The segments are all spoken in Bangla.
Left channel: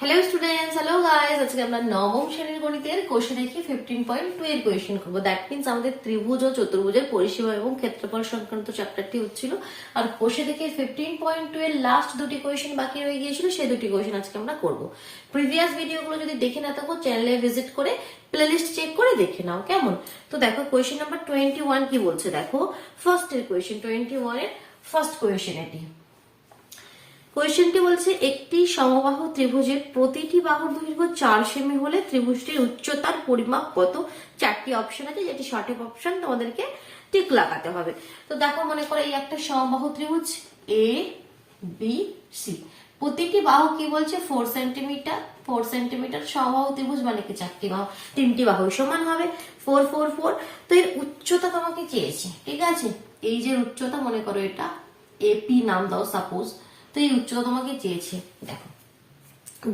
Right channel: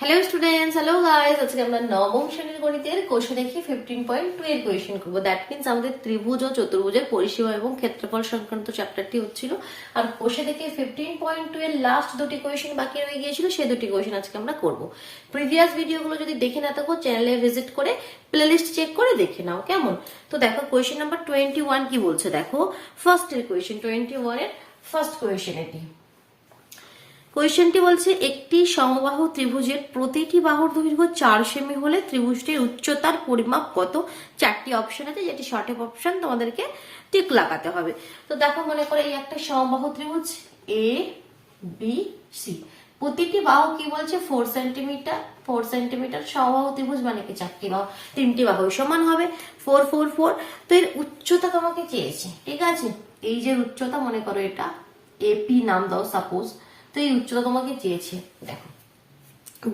Hello students, hello guys. আজকে আমরা নবম শ্রেণীর গণিতের কোষে দেখি 15.2 এর কোয়েশ্চেন করবো। দ্যাট মিন্স আমাদের ত্রিভুজ ও চতুর্ভুজের পরিসীমা এবং ক্ষেত্রফল সংক্রান্ত চ্যাপ্টারটি হচ্ছিল, আর কোষে দেখে 15.2 এর লাস্ট দুটি কোয়েশ্চেন বাকি রয়ে গিয়েছিল, সেই দুটি কোয়েশ্চেন আজকে আমরা করবো। প্রিভিয়াস ভিডিওগুলো যদি দেখে না থাকো চ্যানেলে ভিজিট করে প্লেলিস্ট চেক করে দেখে নাও, কেমন? তো দেখো কোয়েশ্চেন নাম্বার 21 কি বলছে। দেখো ফার্স্ট এর কোয়েশ্চেন, 21 এর ফার্স্ট কোয়েশ্চেন এটি। কোয়েশ্চেনটি বলছে একটি সমবাহু ত্রিভুজের প্রতিটি বাহুর দৈর্ঘ্য 4 সেমি হলে ত্রিভুজটির উচ্চতার পরিমাপ কত? চারটি অপশন আছে, যেটি সঠিক অপশন তোমাদেরকে টিক লাগাতে হবে। তো দেখো, মনে করো এই একটা সমবাহু ত্রিভুজ এ বি সি, প্রতিটি বাহু কি বলছে 4 সেন্টিমিটার। 4 সেন্টিমিটার সমবাহু ত্রিভুজ মানে কি চারটি বাহু, তিনটি বাহু সমান হবে 4 4 4। তো এর উচ্চতা তোমাকে চেয়েছে, ঠিক আছে? এই যে উচ্চতা, মনে করো এটা এপি নাম দাও সাপোজ। তো এই উচ্চতা তোমাকে চেয়েছে। দেখো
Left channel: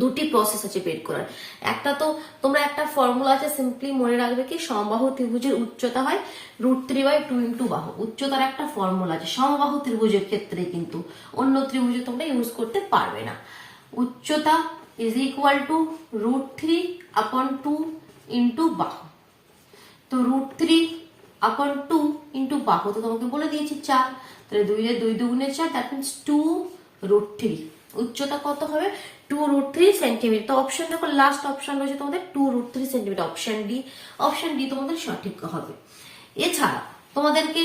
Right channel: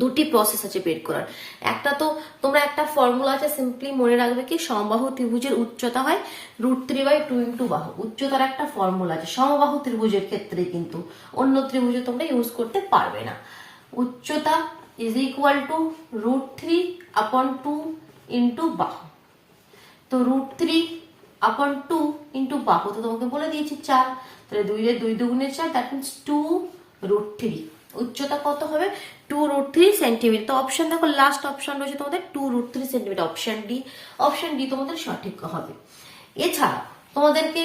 দুটি প্রসেস আছে বের করার। একটা তো তোমরা একটা ফর্মুলা আছে, সিম্পলি মনে রাখবে কি সমবাহু ত্রিভুজের উচ্চতা হয় √3/2 ইন্টু বাহু। উচ্চতার একটা ফর্মুলা আছে সমবাহু ত্রিভুজের ক্ষেত্রে, কিন্তু অন্য ত্রিভুজে তোমরা ইউজ করতে পারবে না। উচ্চতা ইজ ইকুয়াল টু √3/2 ইন্টু বাহু। তো √3/2 ইন্টু বাহু তো তোমাকে বলে দিয়েছি 4, তাহলে 2 এর 2 দুগুণে 4, দ্যাট মিন্স 2√3। উচ্চতা কত হবে? 2√3 সেন্টিমিটার। তো অপশন দেখো, লাস্ট অপশন রয়েছে তোমাদের 2√3 centimetre, option D. Option D তোমাদের সঠিক হবে। এছাড়া তোমাদেরকে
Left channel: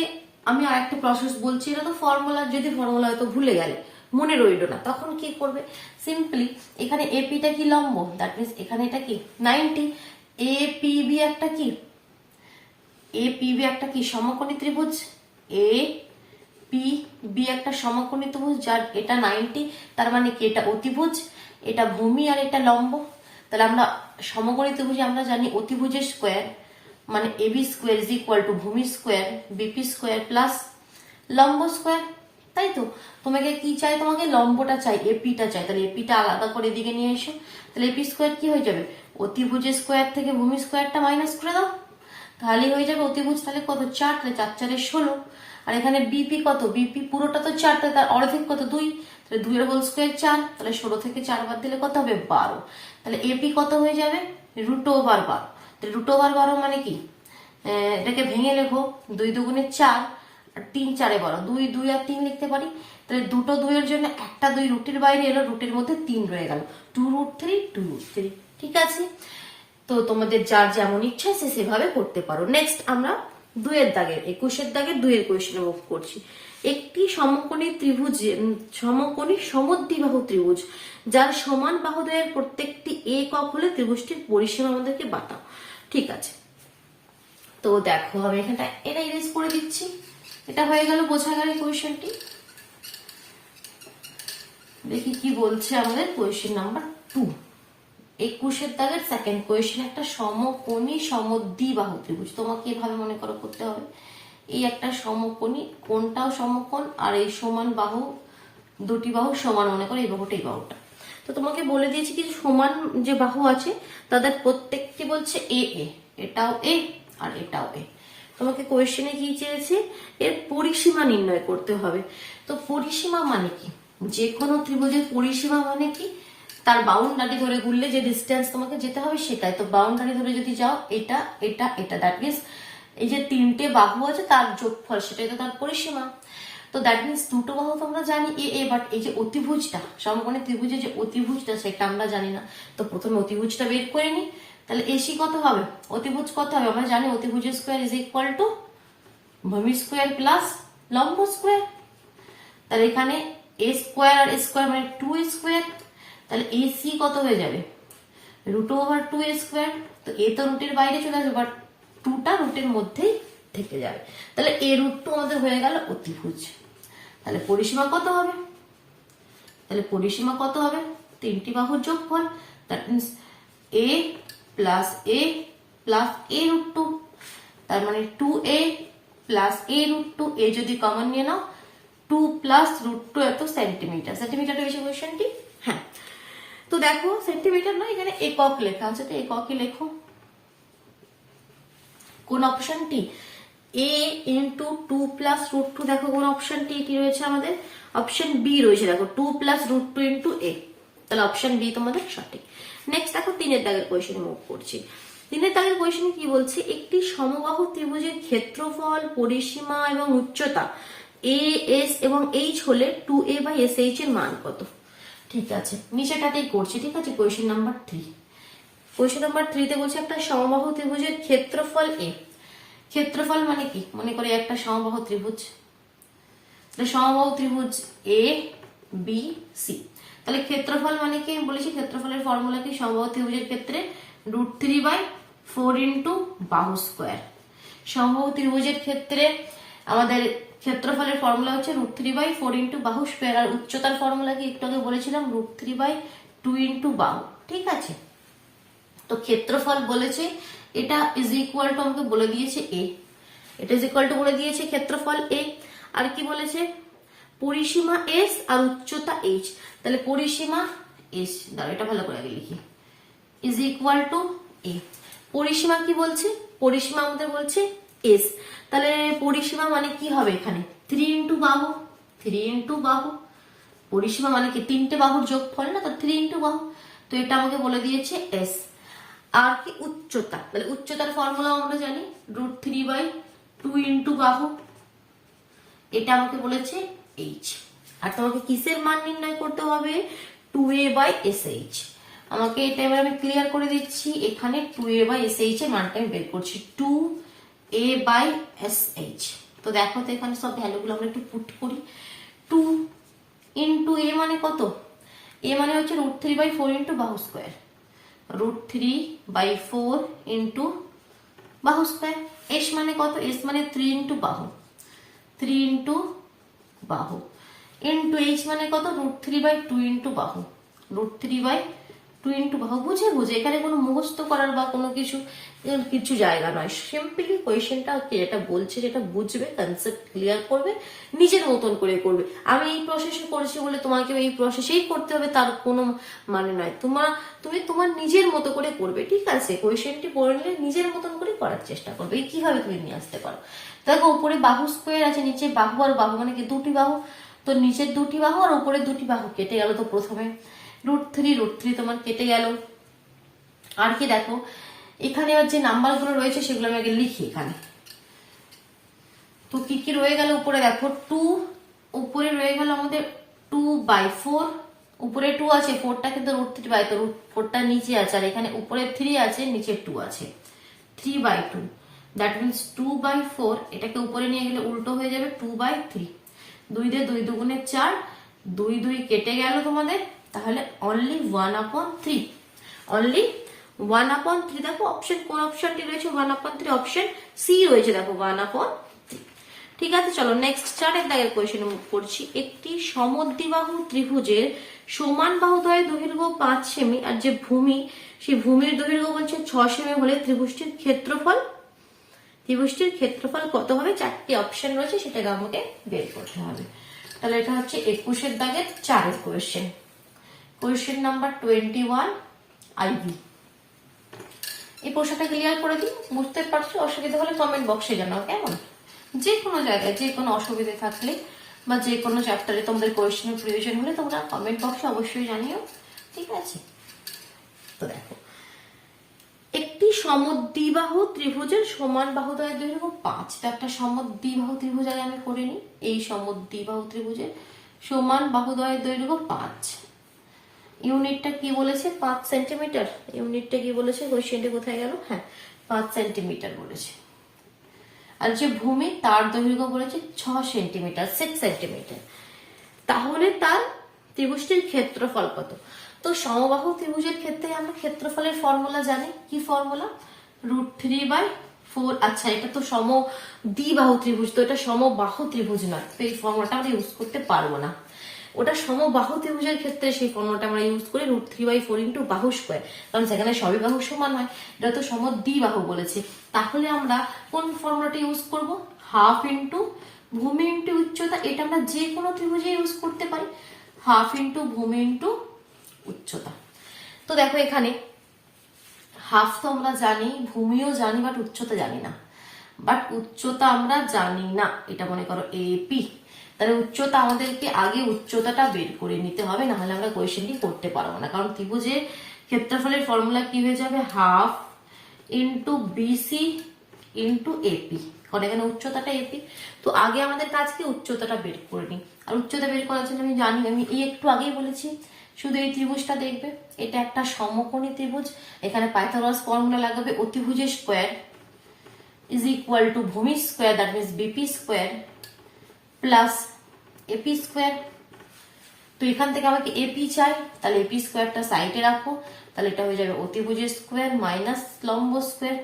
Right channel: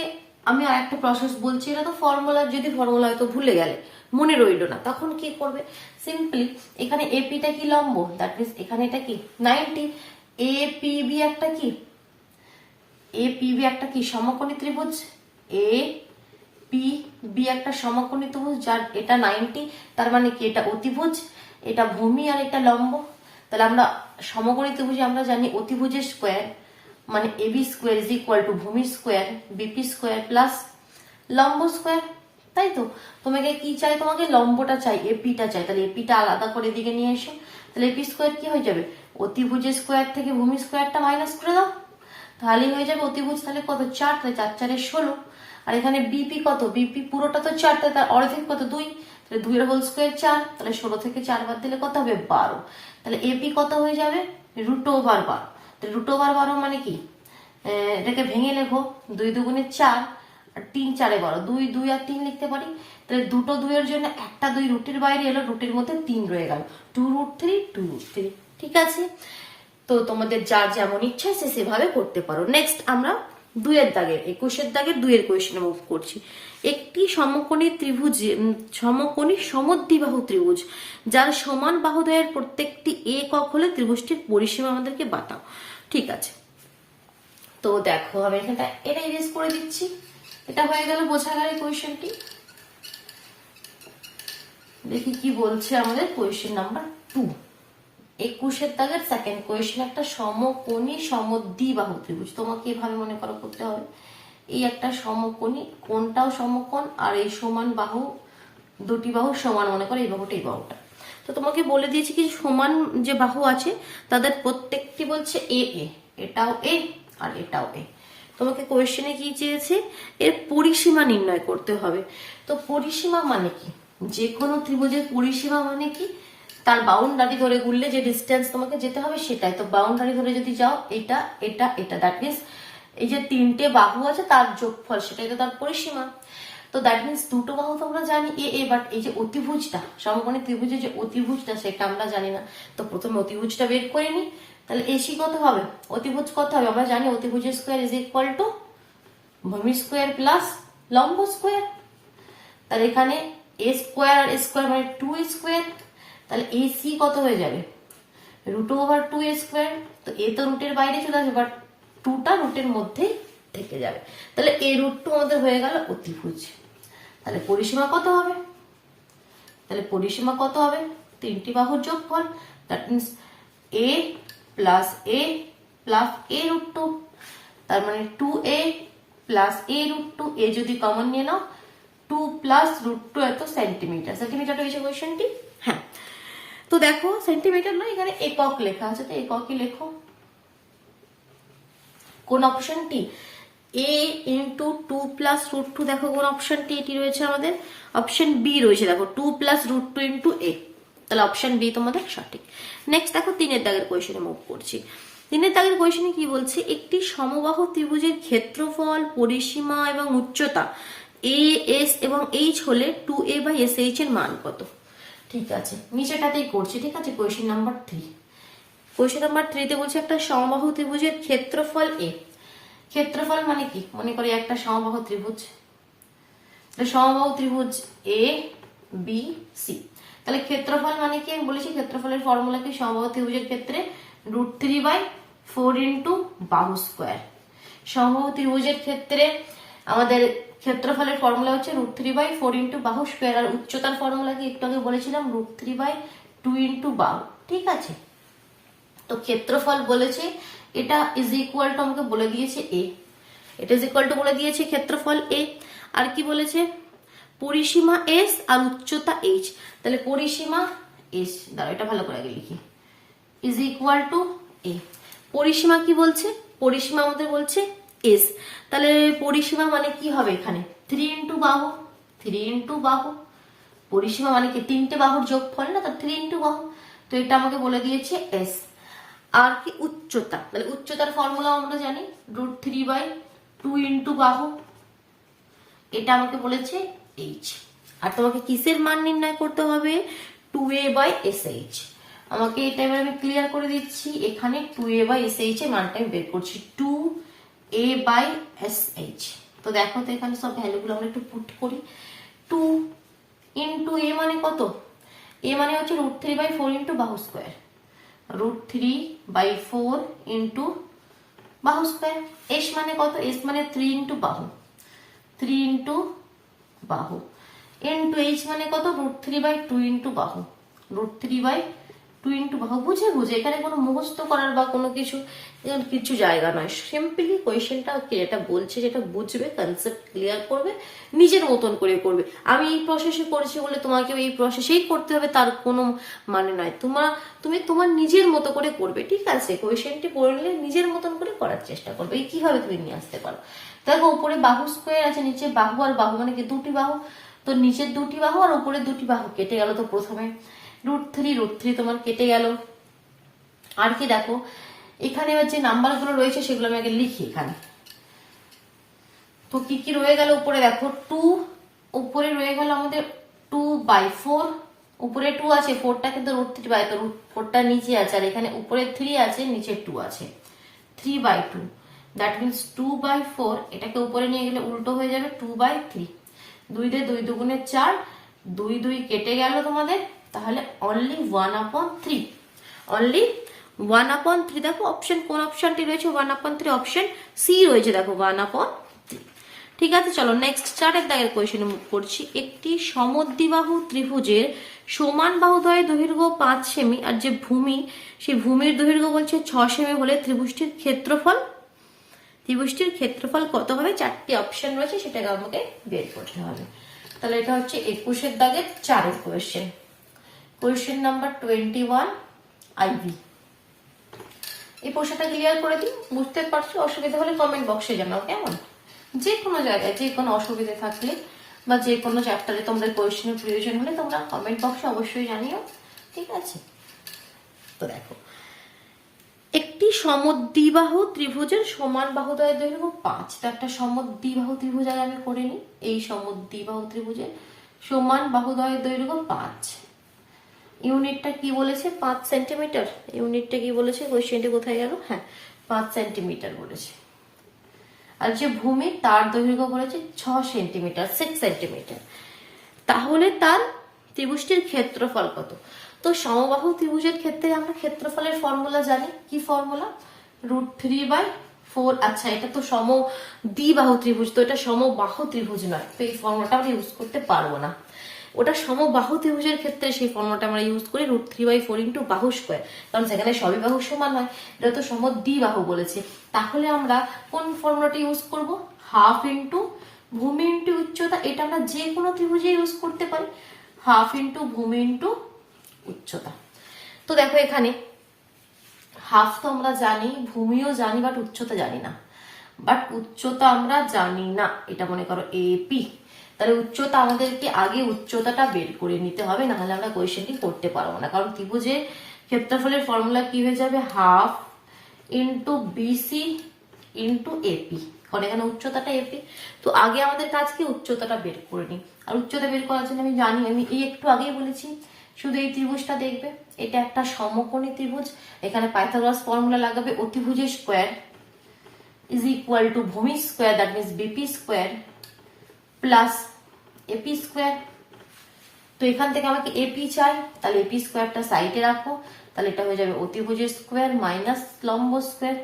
আমি আর একটা প্রসেস বলছি, এটা তো ফর্মুলা, যদি ফর্মুলা হয়তো ভুলে গেলে, মনে রইল না, তখন কি করবে? সিম্পলি এখানে এপিটা কি লম্ব, দ্যাট মিন্স এখানে এটা কি 90। এপিবি একটা কি, এপিবি একটা কি সমকোণী ত্রিভুজ। এ পি বি একটা সমকোণী ত্রিভুজ, যার এটা 90, তার মানে কি এটা অতিভুজ, এটা ভূমি আর এটা লম্ব। তাহলে আমরা সমকোণী ত্রিভুজে আমরা জানি অতিভুজের স্কোয়ার মানে AB square is equal to ভূমি স্কোয়ার বিপি স্কোয়ার প্লাস লম্ব স্কোয়ার, তাই তো? তোমাকে কি চাই? তোমাকে লম্বটা চাই, এপিটা চাই। তাহলে এপিটা আলাদা করে এদিকে নিয়ে এসো। তাহলে এপি স্কোয়ার কি হয়ে যাবে? অতিভুজের স্কোয়ার থেকে ভূমি স্কোয়ারটা মাইনাস করে দাও, তাহলেই হয়ে যাবে অতিভুজ। তাহলে কত? 4, তাহলে 4 4 16। আর এখানে বিপি কত? বিপি পুরোটা তো 4, তার অর্ধেক কত? 2, তাহলে 2 এর হোল স্কোয়ার 4, তাহলে 16 থেকে 4 বাদ দিলে কত হবে? 12। তাহলে এপি কত হয়ে যাবে? √12। তাহলে √12 মানে কি? এটাকে ভেঙে লেখো, 2 দুগুণে 4 আর 3 4 12, 2 2 আর 3 লিখতে পারি। তাহলে দুটো 2 এর জন্য একটা 2 রুটের বাইরে এলো, রুটের মধ্যে 3 রয়ে গেল, 2√3 2√3। ঠিক আছে? তো তোমাদের যার যেমন ইচ্ছা সে সেভাবে করতে পারো। নেক্সট আমরা 2 এর দাগের, 21 দাগের 2 এর কোয়েশ্চেন মুভ করছি। একটি সমকোণী ত্রিভুজে সমকোণী সমদ্বিবাহু ত্রিভুজ যার সমান বাহুদ্বয়ের প্রত্যেকটি একক হলে ত্রিভুজটির পরিসীমা আমাদেরকে বাতাও। ঠিক আছে, তো দেখো আমি এখানটা এটা ইরেজ করে দিচ্ছি। এটা হয়ে গেল, বোঝা গেল কোয়েশ্চেনটি। দেখি কি বলছে আমাদের কোয়েশ্চেন নাম্বার 2, 21 দাগের সেকেন্ড কোয়েশ্চেন। একটা সমকোণী সমদ্বিবাহু ত্রিভুজ, তোমাকে এভাবে মনে করো করতে হবে। এই একটা সমকোণী, কোনটাও সমকোণ, আর এই সমান বাহু, দুটি বাহু সমান, মনে করো এই বাহুটা এই বাহুটা। তো তোমাকে বলে দিয়েছি কি সমান যে বাহু আছে তাদের প্রত্যেকটি বলছে এ এ, এটাও এ আর এটাও এ। তোমাকে কোয়েশ্চেনে কি চেয়েছে? এর পরিসীমা নির্ণয় করতে হবে। তো পরিসীমা মানে কি? যে কোনো ত্রিভুজের পরিসীমা মানে কি? তার বাউন্ডারি ধরে ঘুরলে যে ডিস্টেন্স তোমাকে যেতে হবে সেটাই। তো বাউন্ডারি ধরে যদি যাও, এটা এটা এটা, দ্যাট মিনস এই যে তিনটে বাহু আছে তার যোগফল, সেটাই তো তার পরিসীমা। তো দ্যাট মিনস দুটো বাহু তো আমরা জানি এ এ, বাট এই যে অতিভুজটা, সমকোণী ত্রিভুজের যে অতিভুজটা সেটা আমরা জানি না। তো প্রথমে অতিভুজটা বের করে নি। তাহলে এসি কত হবে? অতিভুজ কত হবে? আমরা জানি অতিভুজের স্কোয়ার ইজ ইকুয়াল টু ভূমি স্কোয়ার প্লাস লম্ব স্কোয়ার। তাহলে এখানে এ স্কোয়ার আর স্কোয়ার মানে 2 স্কোয়ার। তাহলে এসি কত হয়ে যাবে? √2 স্কোয়ার। তো এ তো রুটের বাইরে চলে আসবে, বাট 2টা রুটের মধ্যেই থেকে যাবে। তাহলে এই √2 আমাদের হয়ে গেল অতিভুজ। তাহলে পরিসীমা কত হবে? তাহলে পরিসীমা কত হবে? তিনটি বাহুর যোগফল, that means A plus A plus A √2, তার মানে 2a প্লাস এ √2। এ যদি কমন নিয়ে নাও, 2 প্লাস √2 এত সেন্টিমিটার। সেন্টিমিটারটা এসে কোয়েশ্চেনটি। হ্যাঁ, তো দেখো সেন্টিমিটার নয়, এখানে একক লেখা আছে, তো এককই লেখো। কোন অপশনটি? এ ইন্টু 2 প্লাস √2, দেখো কোন অপশনটি এটি রয়েছে আমাদের? অপশন বি রয়েছে, দেখো 2 প্লাস √2 ইন্টু এ। তাহলে অপশন বি তোমাদের সঠিক। নেক্সট দেখো 3 দাগের কোয়েশ্চেনে মুভ করছি। 3 দাগের কোয়েশ্চেনে কি বলছে, একটি সমবাহু ত্রিভুজের ক্ষেত্রফল, পরিসীমা এবং উচ্চতা এ, এস এবং এইচ হলে 2a বাই এস এইচ এর মান কত? ঠিক আছে, নিচেটাতেই করছি। ঠিক আছে, কোয়েশ্চেন নাম্বার 3। কোয়েশ্চেন নাম্বার 3 তে বলছে একটা সমবাহু ত্রিভুজের ক্ষেত্রফল এ। ক্ষেত্রফল মানে কি? মনে করি একটা সমবাহু ত্রিভুজ, সমবাহু ত্রিভুজ এ বি সি। তাহলে ক্ষেত্রফল মানে কি বলেছি? ক্ষেত্রফলের ফর্মুলা কি? সমবাহু ত্রিভুজের ক্ষেত্রে √3/4 ইন্টু বাহু স্কোয়ার। সমবাহু ত্রিভুজের ক্ষেত্রে আমাদের ক্ষেত্রফলের ফর্মুলা হচ্ছে √3/4 ইন্টু বাহু স্কোয়ার। আর উচ্চতার ফর্মুলা কি একটু আগে বলেছিলাম? √3/2 ইন্টু বাহু। ঠিক আছে, তো ক্ষেত্রফল বলেছে এটা ইজ ইকুয়াল টু, আমাকে বলে দিয়েছে এ, এটা ইজ ইকুয়াল টু বলে দিয়েছে ক্ষেত্রফল এ। আর কি বলেছে? পরিসীমা এস আর উচ্চতা এইচ। তাহলে পরিসীমা এস, দাঁড়া এটা ভালো করে আগে লিখি, ইজ ইকুয়াল টু এ। পরিসীমা কি বলছে? পরিসীমা আমাদের বলছে এস। তাহলে পরিসীমা মানে কি হবে? এখানে 3 ইন্টু বাহু, 3 ইন্টু বাহু। পরিসীমা মানে কি? 3টে বাহুর যোগফল না, তো 3 ইন্টু বাহু। তো এটা আমাকে বলে দিয়েছে এস। আর কি? উচ্চতা। তাহলে উচ্চতার ফর্মুলা আমরা জানি √3/2 ইন্টু বাহু, এটা আমাকে বলেছে এইচ। আর তোমাকে কিসের মান নির্ণয় করতে হবে? 2a by S H. আমাকে এটা এবার আমি ক্লিয়ার করে দিচ্ছি। এখানে 2a বাই এস এইচ এর মানটা আমি বের করছি, 2a বাই এস এইচ। তো দেখো তো এখানে সব ভ্যালুগুলো আমরা একটু পুট করি। 2 ইন্টু এ মানে কত? এ মানে হচ্ছে √3/4 ইন্টু বাহু স্কোয়ার, √3/4 ইন্টু বাহু স্কোয়ার। এস মানে কত? এস মানে 3 ইন্টু বাহু, 3 ইন্টু বাহু, ইন্টু এইচ মানে কত? √3/2 ইন্টু বাহু, √3/2 ইন্টু বাহু। বুঝে বুঝে, এখানে কোনো মুখস্থ করার বা কোনো কিছু জায়গা নয়। সিম্পলি কোয়েশ্চেনটা যেটা বলছে যেটা বুঝবে, কনসেপ্ট ক্লিয়ার করবে, নিজের মতন করে করবে। আমি এই প্রসেসে করেছি বলে তোমাকে এই প্রসেসেই করতে হবে তার কোনো মানে নয়। তুমি তোমার নিজের মতো করে করবে। ঠিক আছে, কোয়েশ্চেনটি পড়লে নিজের মতন করে করার চেষ্টা করবে। কিভাবে তুমি নিয়ে আসতে পারো? দেখো উপরে বাহু স্কোয়ার আছে, নিচে বাহু আর বাহু মানে কি? 2টি বাহু। তো নিচের 2টি বাহু আর উপরে 2টি বাহু কেটে গেল। তো প্রথমে √3 তোমার কেটে গেল। আর কি দেখো এখানে যে নাম্বার গুলো রয়েছে সেগুলো আমি আগে লিখি এখানে। তো কি কি রয়ে গেল? উপরে দেখো 2, উপরে রয়ে গেল আমাদের 2/4, উপরে 2 আছে, 4টা কিন্তু √3/, তো 4টা নিচে আছে, আর এখানে উপরে 3 আছে, নিচে 2 আছে, 3/2। দ্যাট মিনস 2/4, এটাকে উপরে নিয়ে গেলে উল্টো হয়ে যাবে 2/3। 2 দিয়ে 2 দুগুণে 4, 2 2 কেটে গেল তোমাদের। তাহলে অনলি 1/3, অনলি 1/3। দেখো অপশন কোন অপশনটি রয়েছে? 1/3 অপশন সি রয়েছে। দেখো 1/3। ঠিক আছে, চলো নেক্সট 4 দাগের কোয়েশ্চেনে মুভ করছি। একটি সমদ্বিবাহু ত্রিভুজের সমান বাহুদ্বয়ের দৈর্ঘ্য 5 সেমি আর যে ভূমি, সেই ভূমির দৈর্ঘ্য বলছে 6 সেমি হলে ত্রিভুজটির ক্ষেত্রফল কত হবে? 4টি অপশন রয়েছে, সেটাকে আমাকে বের করতে হবে। তাহলে এটা হচ্ছে 21 দাগের 4 কোয়েশ্চেন। Question number 21 ivy. এই প্রশ্নটা ক্লিয়ার করে দিই। বুঝতে পারছো? অসুবিধা হলে কমেন্ট বক্সে জানাও কেমন। যে কোনো জায়গায় যে কোনো অসুবিধা থাকলে বা যে কোনো চ্যাপ্টারে তোমাদের কোয়েশ্চেনের প্রয়োজন হলে তোমরা কমেন্ট বক্সে অবশ্যই জানিও। ঠিক আছে, তো দেখো একটি সমদ্বিবাহু ত্রিভুজের সমান বাহুদ্বয়ের দৈর্ঘ্য 5। তো একটা সমদ্বিবাহু ত্রিভুজ আমি করে নিই। এই সমদ্বিবাহু ত্রিভুজের সমান বাহুদ্বয়ের দৈর্ঘ্য 5। ইউনিটটা কি বলেছে? 5 সেন্টিমিটার। ইউনিটটা কি বলেছে? কোয়েশ্চেনটা কোথায় গেল? হ্যাঁ, 5 সেন্টিমিটার বলেছে। আর যে ভূমি তার দৈর্ঘ্য বলেছে 6 সেন্টিমিটার, 6 সেন্টিমিটার। তাহলে তার ত্রিভুজটির ক্ষেত্রফল কত? তো সমবাহু ত্রিভুজের ক্ষেত্রে আমরা ক্ষেত্রফলের ফর্মুলা জানি। কি ফর্মুলা? √3/4। আচ্ছা, এটা তো সমদ্বিবাহু ত্রিভুজ, তো এটা সমবাহু ত্রিভুজ নয়, তো এই ফর্মুলাটা আমরা ইউজ করতে পারবো না। ওটা সমবাহু ত্রিভুজের ক্ষেত্রে সেই ফর্মুলাটা আমরা ইউজ করি √3/4 ইন্টু বাহু স্কোয়ার, কারণ সেখানে সবই বাহু সমান হয়। এটা তো সমদ্বিবাহু বলেছে। তাহলে আমরা কোন ফর্মুলাটা ইউজ করব? হাফ ইন্টু ভূমি ইন্টু উচ্চতা। এটা আমরা যে কোনো ত্রিভুজে ইউজ করতে পারি, হাফ ইন্টু ভূমি ইন্টু উচ্চতা। তো দেখো এখানে হাফ তো আমরা জানি, ভূমিও জানি, বাট উচ্চতা জানি না। এটা মনে করো এপি। তাহলে উচ্চতা আমাদেরকে আগে উচ্চতাটা বের করে নিতে হবে, নাহলে আমরা কোয়েশ্চেনটি করতে পারবো না। কারণ ত্রিভুজের ক্ষেত্রফলের ফর্মুলা কি হয়ে যাবে, half into BC into AP, কারণ এখানে উচ্চতাটা এপি। তো আগে আমাদের কাজ কি উচ্চতাটা বের করে নিই। আর উচ্চতা বের করার জন্য আমি জানি, আমি এই একটু আগেই বলেছি, শুধু এই ত্রিভুজটা দেখবে, এটা একটা সমকোণী ত্রিভুজ। এখানে পাইথাগোরাস ফর্মুলা লাগাবে, অতিভুজের স্কোয়ার ইজ ইকুয়াল টু ভূমি square, that means BP square plus AP square. তো এখান থেকে আমাকে এপি চাই, তাহলে এপি স্কোয়ারটা সাইডে রাখো, তাহলে এটা হয়ে যাবে অতিভুজের স্কোয়ার মাইনাস লম্ব স্কোয়ার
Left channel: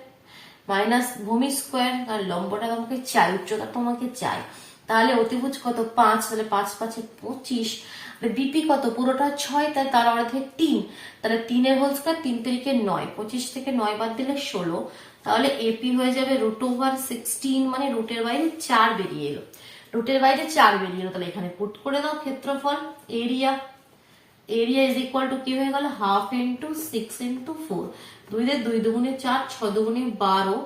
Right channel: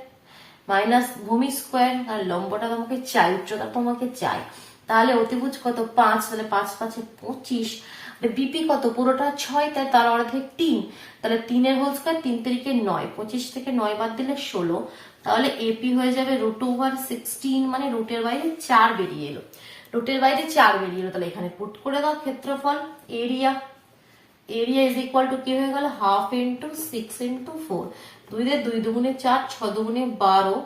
মাইনাস ভূমি স্কোয়ার, আর লম্বটা তোমাকে চাই, উচ্চতা তোমাকে চাই। তাহলে অতিভুজ কত 5, তাহলে 5 5 25, বিপি কত পুরোটা 6, তাই তার অর্ধেক 3, তাহলে 3 এর হোল স্কোয়ার 3 3 9, 25 থেকে 9 বাদ দিলে 16, তাহলে এপি হয়ে যাবে √16, মানে রুটের বাইরে 4 বেরিয়ে এলো, রুটের বাইরে 4 বেরিয়ে এলো। তাহলে এখানে পুট করে দাও ক্ষেত্রফল, এরিয়া ইজ ইকুয়াল টু কি হয়ে গেল, হাফ ইন্টু 6 ইন্টু 4, 2 দিয়ে 2 দুগুণে 4, 6 দুগুণে 12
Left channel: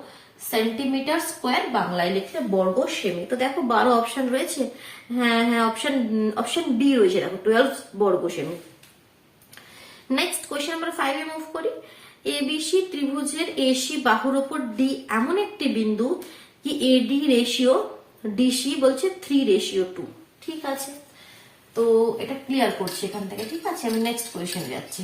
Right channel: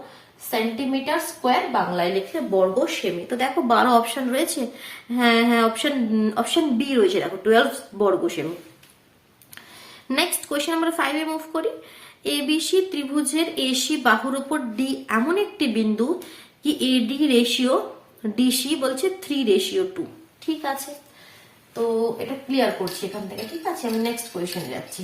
সেন্টিমিটার স্কোয়ার, বাংলায় লিখলে বর্গ সেমি। তো দেখো 12 অপশন রয়েছে, হ্যাঁ হ্যাঁ অপশন বি রয়েছে, দেখো 12 বর্গ সেমি। নেক্সট কোয়েশ্চেন নাম্বার 5 এ মুভ করি। এবিসি ত্রিভুজের এসি বাহুর উপর ডি এমন একটি বিন্দু কি এডি রেশিও ডিসি বলছে 3:2। ঠিক আছে, তো এটা ক্লিয়ার করছি এখান থেকে। ঠিক আছে, আমি নেক্সট কোয়েশ্চেন যাচ্ছি।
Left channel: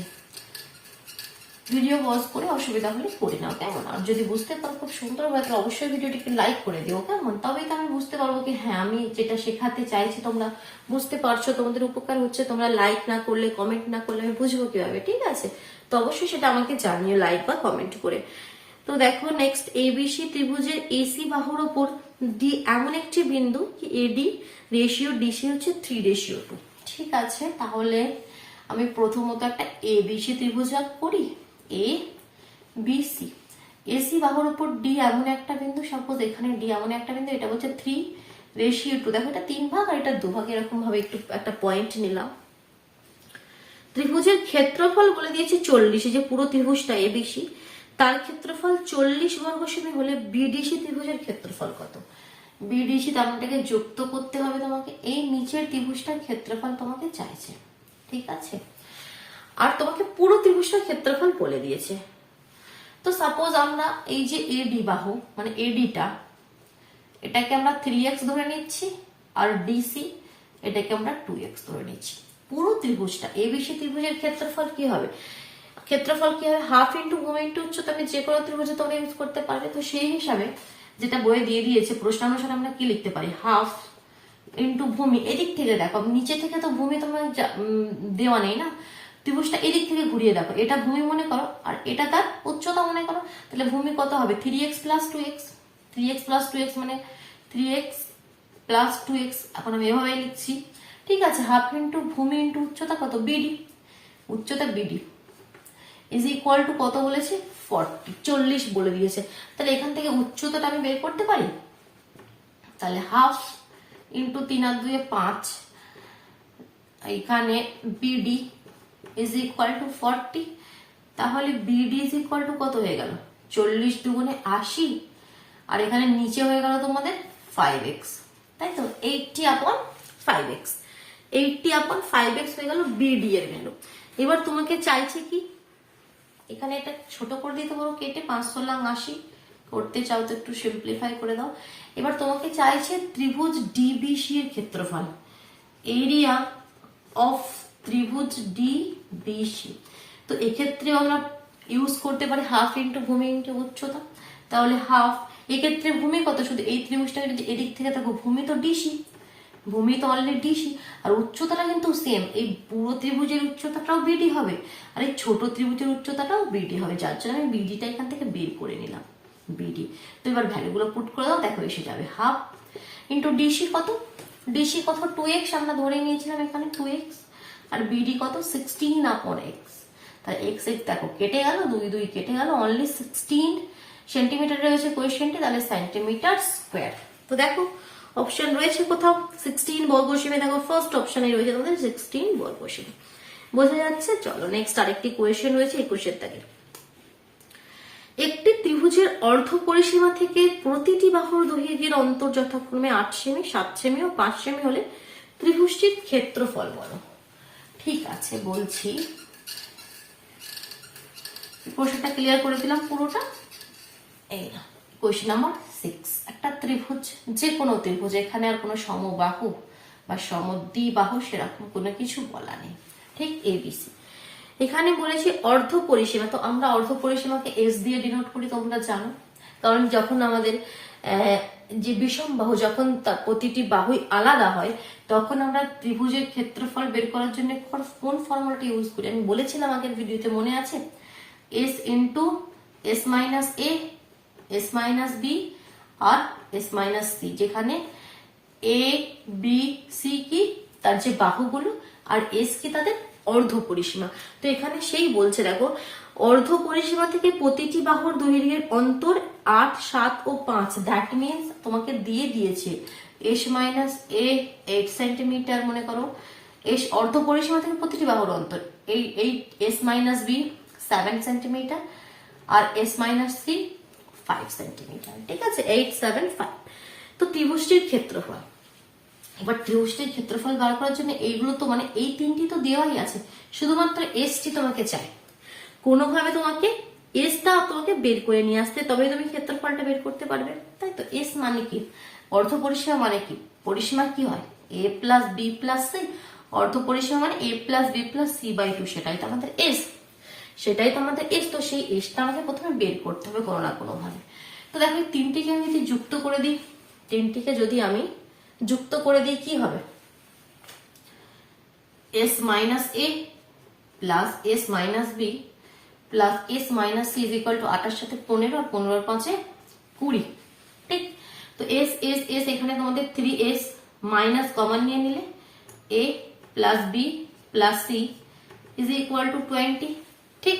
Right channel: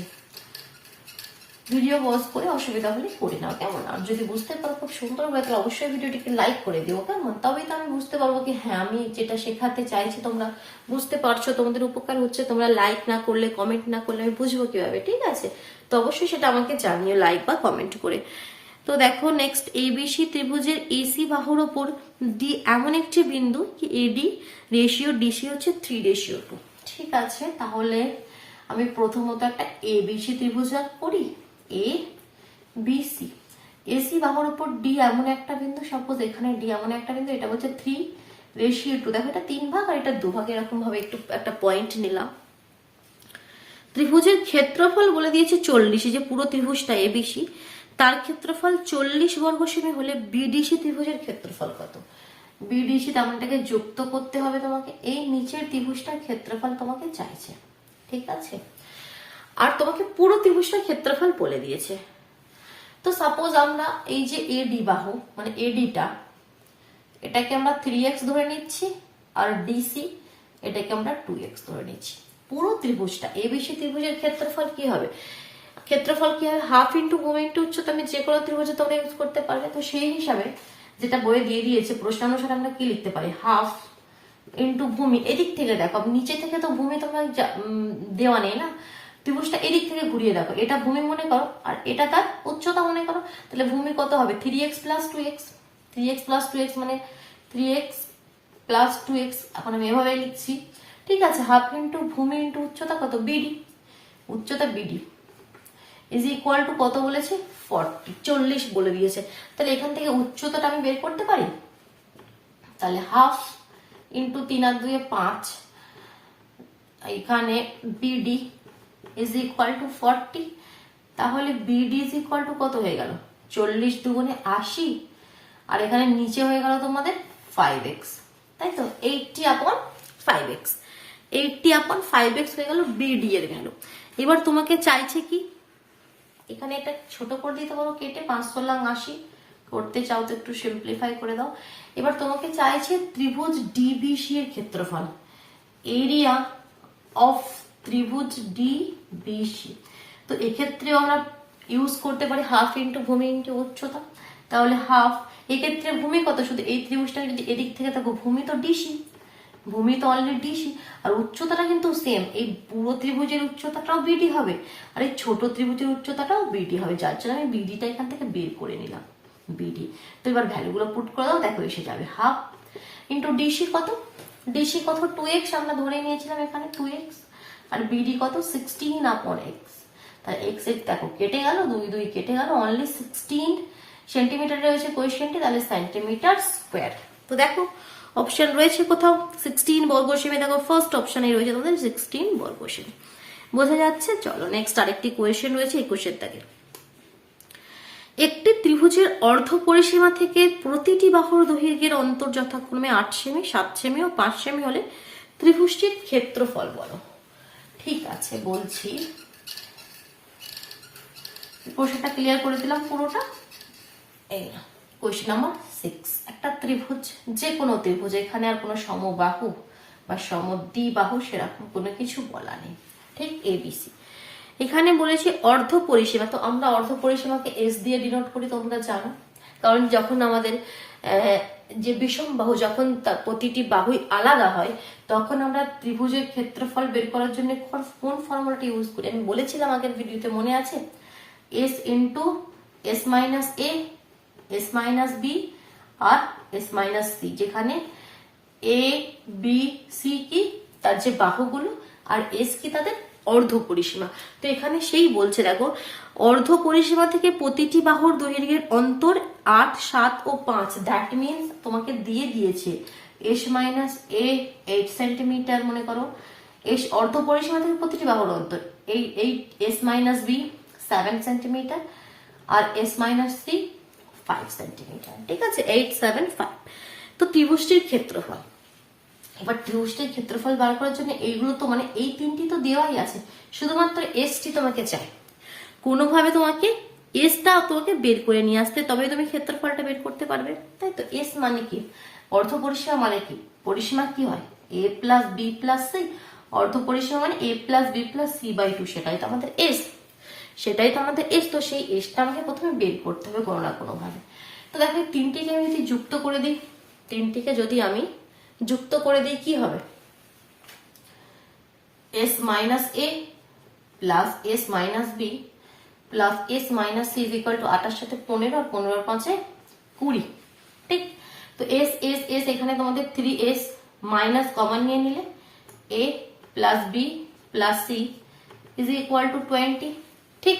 ভিডিও পজ করে অসুবিধা হলে করে নাও, কেমন? আর যদি বুঝতে পারো খুব সুন্দর হয় তাহলে অবশ্যই ভিডিওটিকে লাইক করে দিও, কেমন? তবেই তো আমি বুঝতে পারবো কি হ্যাঁ আমি যেটা শেখাতে চাইছি তোমরা বুঝতে পারছো, তোমাদের উপকার হচ্ছে। তোমরা লাইক না করলে, কমেন্ট না করলে আমি বুঝবো কিভাবে? ঠিক আছে, তো অবশ্যই সেটা আমাকে জানিও লাইক বা কমেন্ট করে। তো দেখো নেক্সট, এবিসি ত্রিভুজের এসি বাহুর ওপর ডি এমন একটি বিন্দু কি এডি রেশিও ডিসি হচ্ছে 3:2। ঠিক আছে, তাহলে আমি প্রথমত একটা এবিসি ত্রিভুজ করি, এ বিসি, এসি বাহুর উপর ডি এমন একটা বিন্দু, সাপোজ এখানে ডি এমন একটা বিন্দু, এটা বলছে 3:2। দেখো এটা 3 ভাগ আর এটা 2 ভাগ, এরকম ভাবে একটু একটা পয়েন্ট নিলাম। ত্রিভুজের ক্ষেত্রফল বলে দিয়েছে 40, যে পুরো ত্রিভুজটা এবিসি তার ক্ষেত্রফল 40 বর্গ সেমি হলে বিডিসি ত্রিভুজের ক্ষেত্রফল কত? বিডিসি তারটাকে যুক্ত করতে হবে তোমাকে, এই নিচের ত্রিভুজটার ক্ষেত্রফল তোমাকে চাইছে। ঠিক আছে, আর তোমাকে পুরো ত্রিভুজটার ক্ষেত্রফল বলে দিয়েছে। তো সাপোজ আমরা এই যে এডি বাহু মানে এডিটা, এটাকে আমরা 3x ধরে নিচ্ছি, আর ডিসি এটাকে আমরা 2x ধরে নিচ্ছি। পুরো ত্রিভুজটা এবিসি ত্রিভুজের ক্ষেত্রফল কি হবে? হাফ ইন্টু ভূমি ইন্টু উচ্চতা, আমি যে কোনো ত্রিভুজে তোমরা ইউজ করতে পারবে। তো সেই হিসাবে যেটা বইয়ে দিয়ে দিয়েছে প্রশ্নানুসারে আমরা কি লিখতে পারি, হাফ ইন্টু ভূমি। এদিক থেকে দেখো, নিচে থেকে তো ভূমি তোমার দেওয়া নেই না, ত্রিভুজটা এদিক থেকে ঘুরিয়ে দেখো, এটা ভূমি মনে করো আর এটা তার উচ্চতা মনে করো। তাহলে ভূমি কত হবে 3x plus 2x, 3x plus 2x মানে 3x প্লাস 2x। এখন আমি এভাবে লিখছি। ঠিক আছে, হাফ ইন্টু ভূমি ইন্টু উচ্চতা কত, বিডি, উচ্চতা বিডি ইজ ইকুয়াল টু কত বলেছে, 40 বলে দিয়েছে। তাহলে এখান থেকে উচ্চতাটা আমি বের করতে পারি। তাহলে হাফ ইন্টু 3 আর 2 5, এখানে বিডি ইজ ইকুয়াল টু 40। তাহলে বিডি ইজ ইকুয়াল টু কত হয়ে গেল, 40 দুগুণে 80, আর এখানে নিচে হয়ে গেল তোমাদের 5x, তাই তো 80/5x, 80/5x হয়ে গেল বিডি এর ভ্যালু। এবার তোমাকে চাইছে কি, এখানে এটা ছোট করে দিতে পারো কেটে, 5/80 করতে চাও তো একটু সিম্পলিফাই করে দাও। এবার তোমাকে চাইছে ত্রিভুজ ডিবিসি এর ক্ষেত্রফল, এরিয়া অফ ত্রিভুজ ডিবিসি। তো এক্ষেত্রে আমরা ইউজ করতে পারি হাফ ইন্টু ভূমি ইন্টু উচ্চতা। তাহলে হাফ, এক্ষেত্রে ভূমি কত, শুধু এই ত্রিভুজটা যদি এদিক থেকে দেখো, ভূমি তো ডিসি, ভূমি তো অলরেডি ডিসি, আর উচ্চতাটা কিন্তু সেম, এই পুরো ত্রিভুজের উচ্চতাটাও বিডি হবে আর এই ছোট ত্রিভুজের উচ্চতাটাও বিডি হবে, যার জন্য আমি বিডিটা এখান থেকে বের করে নিলাম, বিডি। তো এবার ভ্যালুগুলো পুট করে দাও, দেখো এসে যাবে হাফ ইন্টু ডিসি কত, 2x আমরা ধরে নিয়েছিলাম এখানে 2x, আর বিডি কত 16/x। তাহলে x দেখো কেটে গেল, 2 2 কেটে গেল, অনলি 16 সেন্টিমিটার রয়েছে কোয়েশ্চেনটি, তাহলে সেন্টিমিটার স্কোয়ার। তো দেখো অপশন রয়েছে কোথাও 16 বর্গ সেমি, দেখো ফার্স্ট অপশনে রয়েছে তোমাদের 16 বর্গ সেমি, বোঝা যাচ্ছে। চলো নেক্সট আরেকটি কোয়েশ্চেন রয়েছে 21 দাগের। একটি ত্রিভুজের অর্ধ পরিসীমা থেকে প্রতিটি বাহুর দৈর্ঘ্যের অন্তর যথাক্রমে 8 সেমি, 7 সেমি ও 5 সেমি হলে ত্রিভুজটির ক্ষেত্রফল বলো। ঠিক আছে, বলছি প্রশ্নটা ক্লিয়ার করে দিলাম পুরোটা। এই না, কোয়েশ্চেন নাম্বার 6। একটা ত্রিভুজ, যে কোনো ত্রিভুজ, এখানে আর কোনো সমবাহু বা সমদ্বিবাহু সেরকম কোনো কিছু বলা নেই, ঠিক? এবিসি। এখানে বলেছে অর্ধ পরিসীমা, তো আমরা অর্ধ পরিসীমাকে এস দিয়ে ডিনোট করি, তোমরা জানো। কারণ যখন আমাদের যে বিষম বাহু, যখন প্রতিটি বাহুই আলাদা হয়, তখন আমরা ত্রিভুজের ক্ষেত্রফল বের করার জন্য কোন ফর্মুলাটি ইউজ করি? আমি বলেছিলাম আগের ভিডিওতে, মনে আছে? এস ইন্টু এস মাইনাস এ, এস মাইনাস বি আর এস মাইনাস সি, যেখানে এ বি সি কি তার যে বাহুগুলো আর এস কি তাদের অর্ধ পরিসীমা। তো এখানে সেই বলছে, দেখো, অর্ধ পরিসীমা থেকে প্রতিটি বাহুর দৈর্ঘ্যের অন্তর 8, 7 ও 5। দ্যাট মিনস তোমাকে দিয়ে দিয়েছে এস মাইনাস এ 8 সেন্টিমিটার, মনে করো। এস অর্ধ পরিসীমা থেকে প্রতিটি বাহুর অন্তর এই এস মাইনাস বি 7 সেন্টিমিটার আর এস মাইনাস সি 5 সেন্টিমিটার, ঠিক আছে? 8, 7, 5। তো ত্রিভুজটির ক্ষেত্রফল, এবার ত্রিভুজটির ক্ষেত্রফল বার করার জন্য এইগুলো তো মানে এই তিনটি তো দেওয়াই আছে, শুধুমাত্র এসটি তোমাকে চাই। কোনোভাবে তোমাকে এসটা তোমাকে বের করে নিয়ে আসতে, তবে তুমি ক্ষেত্রফলটা বের করতে পারবে, তাই তো? এস মানে কি? অর্ধ পরিসীমা মানে কি? পরিসীমা কি হয়? A plus B plus C. অর্ধ পরিসীমা মানে A plus B plus C by 2, সেটাই তো আমাদের এস। তো সেই এসটা আমাকে প্রথমে বের করতে হবে কোনো না কোনো ভাবে। তো দেখো, তিনটিকে আমি যদি যুক্ত করে দিই, তিনটিকে যদি আমি যুক্ত করে দিই, কি হবে? S minus A plus S minus B plus S minus C is equal to 8 সাথে 15 আর 15 আর 5 20, ঠিক? তো এস এস এস এখানে তোমাদের 3s মাইনাস কমন নিয়ে নিলে A plus B plus C is equal to 20, ঠিক?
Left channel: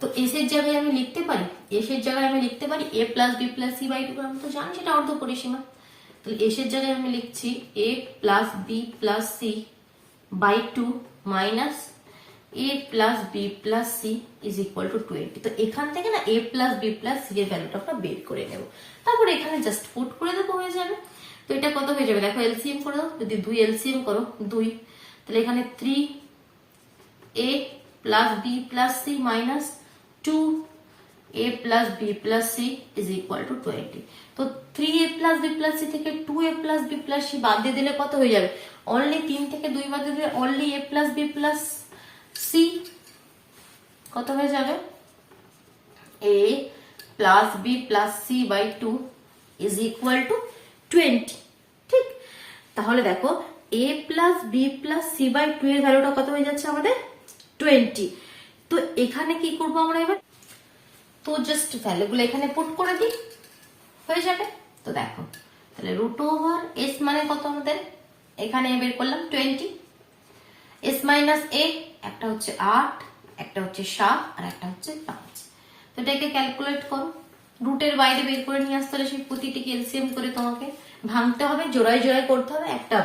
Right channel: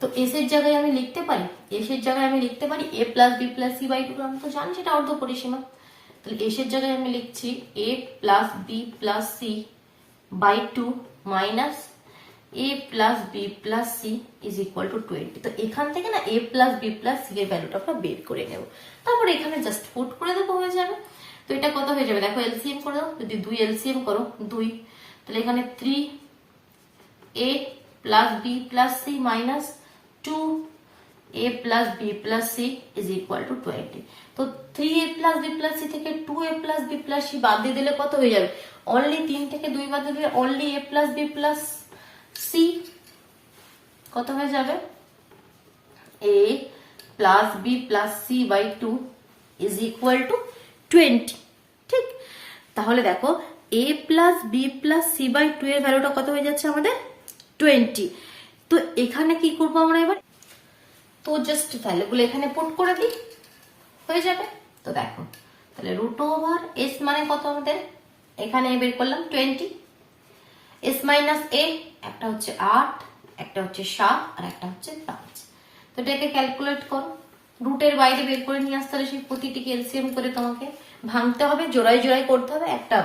তো এস এর জায়গায় আমি লিখতে পারি, A plus B plus C by 2, আমি তো জানি সেটা অর্ধ পরিসীমা। তাহলে এস এর জায়গায় আমি লিখছি A plus B plus C by 2 minus A plus B plus C is equal to 20। তো এখান থেকে না A plus B plus C এর ভ্যালুটা আমরা বের করে নেব, তারপর এখানে জাস্ট পুট করে দেবো, হয়ে যাবে। তো এটা কত হয়ে যাবে? দেখো, এলসিএম করে দাও। যদি 2 এলসিএম করো 2, তাহলে এখানে 3 A plus B plus C minus 2 a plus b plus c is equal to 20। তো 3a plus b plus c থেকে 2a plus b plus c বাদ দিয়ে দিলে কত হয়ে যাবে? অনলি 3 থেকে 2 বাদ দিয়ে দিলে only a plus b plus c কত হয়ে যাবে? a plus b plus c by 2 is equal to 20, ঠিক? তাহলে দেখো, a plus b plus c by 2 এর ভ্যালুটা কত হয়ে যাচ্ছে আমাদের? 20। তো এখানে কি করবো আমরা এবার? তো জাস্ট ভ্যালুগুলো এখানে পুট করে দিই, হয়ে যাবে। তো দেখো, তাহলে রুট ওভার এস মানে কত আমাদের? এখানে বের করলাম 20, এস মাইনাস এ একটা হচ্ছে 8, একটা হচ্ছে 7 আর একটা হচ্ছে 5। তো এটাকে ক্যালকুলেট করো, রুটের বাইরে বের করে নিয়ে আসতে হলে সেই প্রতিটিকে এলসিএম করে তোমাকে ভাঙতে হবে, জোড়ায় জোড়ায় করতে হবে, একটা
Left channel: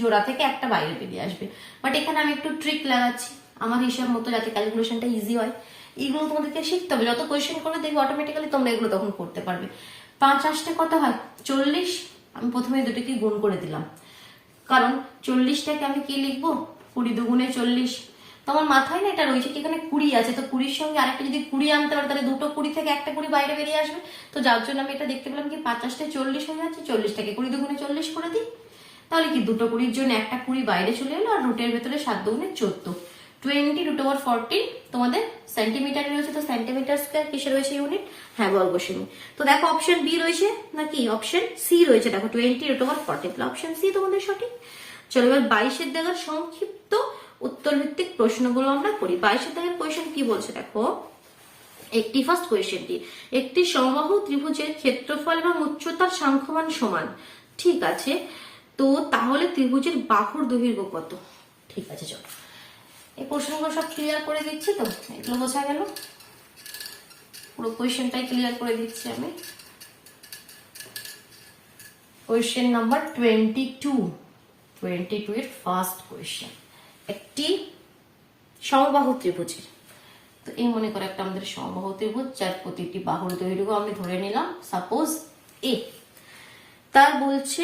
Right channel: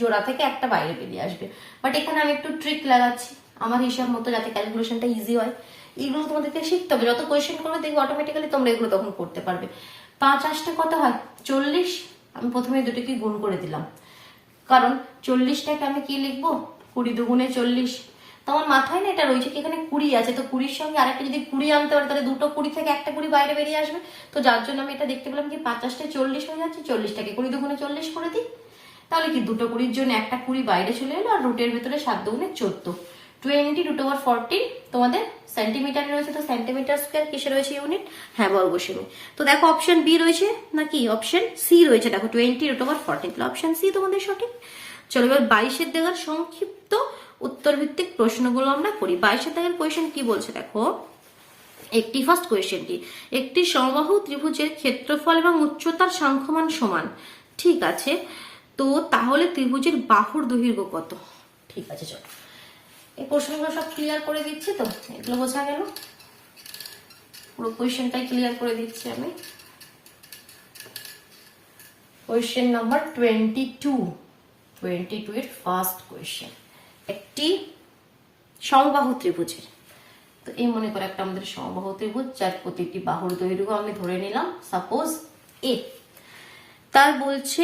জোড়া থেকে একটা বাইরে বেরিয়ে আসবে। বাট এখানে আমি একটু ট্রিক লাগাচ্ছি আমার হিসাব মতো, যাতে ক্যালকুলেশনটা ইজি হয়। এগুলো তোমাদেরকে শিখতে হবে, যত কোয়েশ্চেন করবে দেখবে অটোমেটিক্যালি তোমরা এগুলো তখন করতে পারবে। 5 8 কত হয়? 40। আমি প্রথমে দুটোকে গুণ করে দিলাম, কারণ 40টাকে আমি কি লিখবো? 20 দুগুণে 40। তোমার মাথায় না এটা রয়েছে কি এখানে 20 আছে, তো 20-র সঙ্গে আরেকটা যদি 20 আনতে পারে, তাহলে দুটো 20 থেকে একটা 20 বাইরে বেরিয়ে আসবে। তো যার জন্য আমি এটা দেখতে পেলাম কি 5 8 40 হয়ে যাচ্ছে, 40টাকে 20 দুগুণে 40 করে দিই, তাহলে কি দুটো 20-র জন্য একটা 20 বাইরে চলে এলো, আর রুটের ভেতরে 7 দুগুণে 14, 20 রুট ওভার 40 তোমাদের সেন্টিমিটার রয়েছে। তো সেন্টিমিটার স্কয়ার কিসে রয়েছে ইউনিট? হ্যাঁ, বর্গসেমি। তো দেখো, অপশন বি রয়েছে নাকি অপশন সি রয়েছে? দেখো, 20 রুট ওভার 40, তাহলে অপশন সি তোমাদের সঠিক। চলো এবার 22-এর দেওয়ার সংক্ষিপ্ত উত্তর ভিত্তিক প্রশ্নগুলো আমরা করি। 22-এর দেওয়ার কোয়েশ্চেন কি বলছে দেখো, একটি ফার্স্ট কোয়েশ্চেনটি, একটি সমবাহু ত্রিভুজের ক্ষেত্রফল এবং উচ্চতার সাংখ্যমান সমান, ঠিক আছে? তো তাহলে ত্রিভুজের বাহুর দৈর্ঘ্য কত? ঠিক আছে, চলো এই প্রশ্নগুলো সব ক্লিয়ার করে দিচ্ছি। তো এগুলো বোঝা গেল, পুরো কোয়েশ্চেনটাই ক্লিয়ার করে দিচ্ছি আমি। কোয়েশ্চেন নাম্বার 22 এর ফার্স্ট কোয়েশ্চেন, একটি সমবাহু ত্রিভুজের। তো এই মনে করো একটা আমাদের সমবাহু ত্রিভুজ, যার প্রতিটি বাহুর দৈর্ঘ্য আমি ধরে নিলাম সাপোজ এ। তার বলছে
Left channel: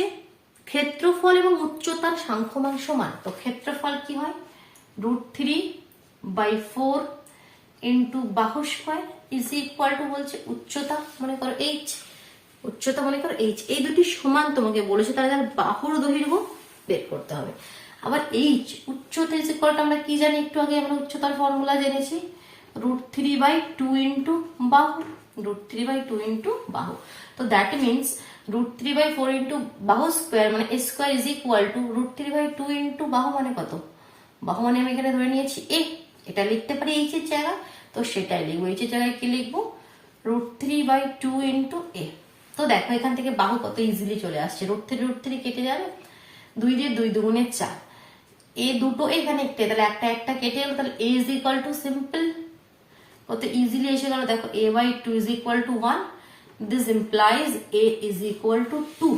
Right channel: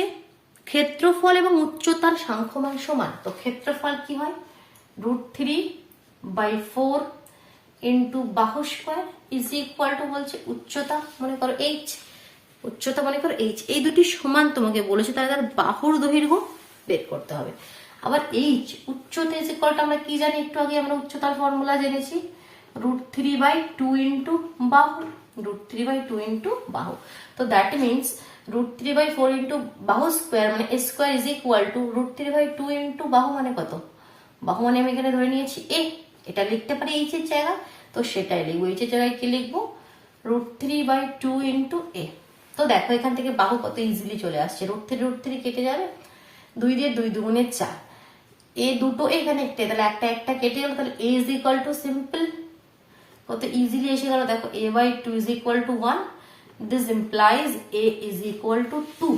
ক্ষেত্রফল এবং উচ্চতার সাংখ্যমান সমান, তো ক্ষেত্রফল কি হয় √3/4 ইন্টু বাহু স্কোয়ার ইজ ইকুয়াল টু বলছে উচ্চতা মনে করো h, উচ্চতা মনে করো h, এই দুটি সমান তোমাকে বলেছে, তাহলে তার বাহুর দৈর্ঘ্য বের করতে হবে। আবার h উচ্চতা ইজ ইকুয়াল টু আমরা কি জানি, একটু আগে আমরা উচ্চতার ফর্মুলা জেনেছি √3/2 ইন্টু বাহু, √3/2 ইন্টু বাহু। তো দ্যাট মিনস √3/4 ইন্টু বাহু স্কোয়ার মানে a square is equal two √3/2 into বাহু মানে কত, বাহু মানে আমি এখানে ধরে নিয়েছি a, এটা লিখতে পারি h এর জায়গা, তো সেটাই লিখবো। h এর জায়গায় কি লিখবো √3/2 ইন্টু a। তো দেখো এখান থেকে বাহু কত ইজিলি চলে আসছে, √3 কেটে যাবে, 2 দিয়ে 2 দুগুণে 4, এ দুটো এখানে একটা, তাহলে একটা একটা কেটে গেল, তাহলে a is equal two simple কত ইজিলি এসে গেল, দেখো a/2 is equal two 1, this implies a is equal two 2,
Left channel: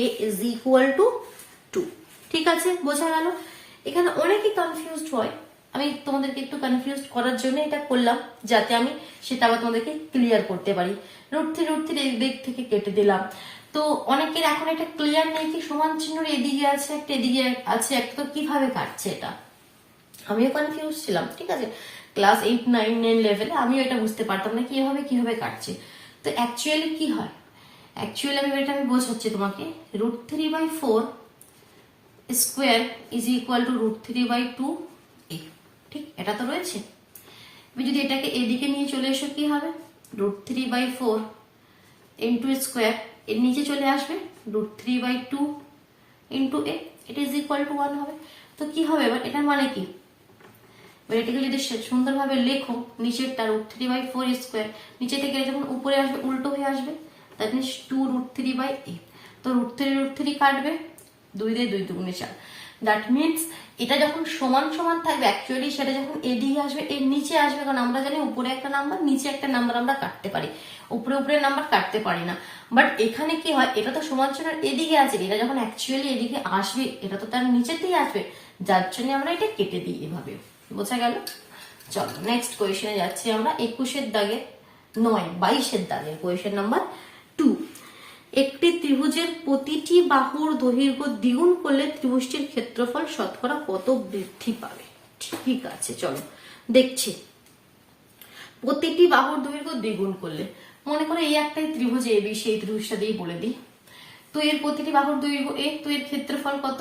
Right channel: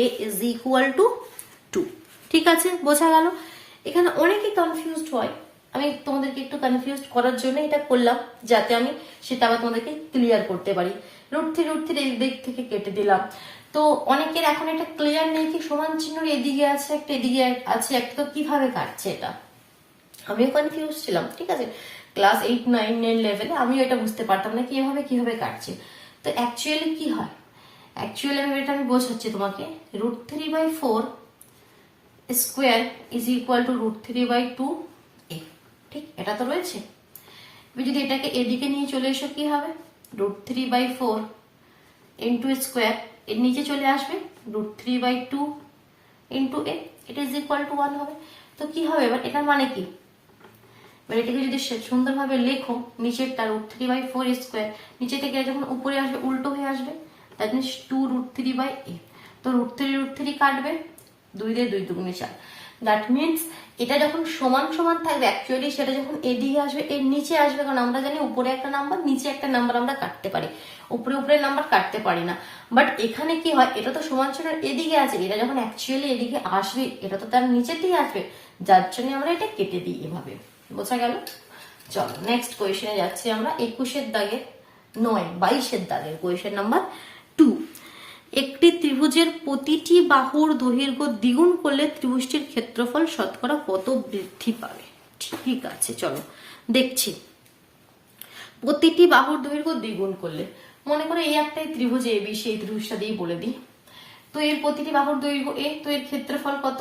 a is equal two 2। ঠিক আছে, বোঝা গেল। এখানে অনেকে কনফিউজড হয়, আমি তোমাদেরকে একটু কনফিউজ করার জন্য এটা করলাম, যাতে আমি সেটা আবার তোমাদেরকে ক্লিয়ার করতে পারি। √3 এই দিক থেকে কেটে দিলাম, তো অনেকের এখন এটা ক্লিয়ার নেই কি সমান চিহ্ন এদিকে আছে একটা এদিকে আছে একটা, তো কিভাবে কাটছে এটা, আমিও কনফিউজ ছিলাম। ঠিক আছে, ক্লাস 8, 9, 10 লেভেলে আমিও এটা বুঝতে পারতাম না কিভাবে কাটছে। তো অ্যাকচুয়ালি কি হয়, অ্যাকচুয়ালি আমি বোঝাচ্ছি তোমাকে, √3/4 square is equal two √3/2 a, ঠিক এটা তো রয়েছে। যদি এটাকে এদিকে নিয়ে চলে এসো কি হবে, √3/4 ইন্টু স্কোয়ার, এর নিচে চলে আসবে √3/2 ইন্টু a, এটা ইজ ইকুয়াল টু 1 হবে। তো কি হবে এবার, এটার মানে কি, এবার এটাকে যদি সুন্দরভাবে লেখো, নিচেরটা √3/4 স্কোয়ার, নিচে থেকে যখন উপরে আসবে উল্টো হয়ে আসবে, দ্যাট মিনস 2√3/a। তো √3 কাটবে, 2 দিয়ে 2 দুগুণে 4, দ্যাট মিনস এটা যখন সমান সমান থাকবে অ্যাকচুয়ালি সেটা যখন এদিকে আসবে এর নিচে আসবে, কারণ আমরা জানি উপরে একটা নাম্বার নিচে একটা নাম্বার আমরা কাটতে পারি, উপরে নাম্বার কাটতে পারি না। বাট এখানে কি হয়, এটা তো সমান সমান এদিকে আছে, এটা যখন অ্যাকচুয়ালি এদিকে আসবে এটা তো তার নিচের দিকে আসবে, যার জন্য আমরা এটা কেটে দিই এভাবে। বোঝা গেল? চলো নেক্সট কোয়েশনে যাচ্ছি আমরা, 21 দাগের 22 দাগের কোয়েশন নাম্বার 2। একটি ত্রিভুজের প্রতিটি বাহুর দৈর্ঘ্য দ্বিগুণ করলে ত্রিভুজটির ক্ষেত্রফল শতকরা কত বৃদ্ধি পাবে? ঠিক আছে, চলো দেখছি। প্রতিটি বাহুর দৈর্ঘ্য দ্বিগুণ করলে, মনে করো এই একটাই ত্রিভুজ এবি, সেই ত্রিভুজটা দিয়ে বলে দিই। তো এর প্রতিটি বাহুর দৈর্ঘ্য a, তো এর ক্ষেত্রফল কত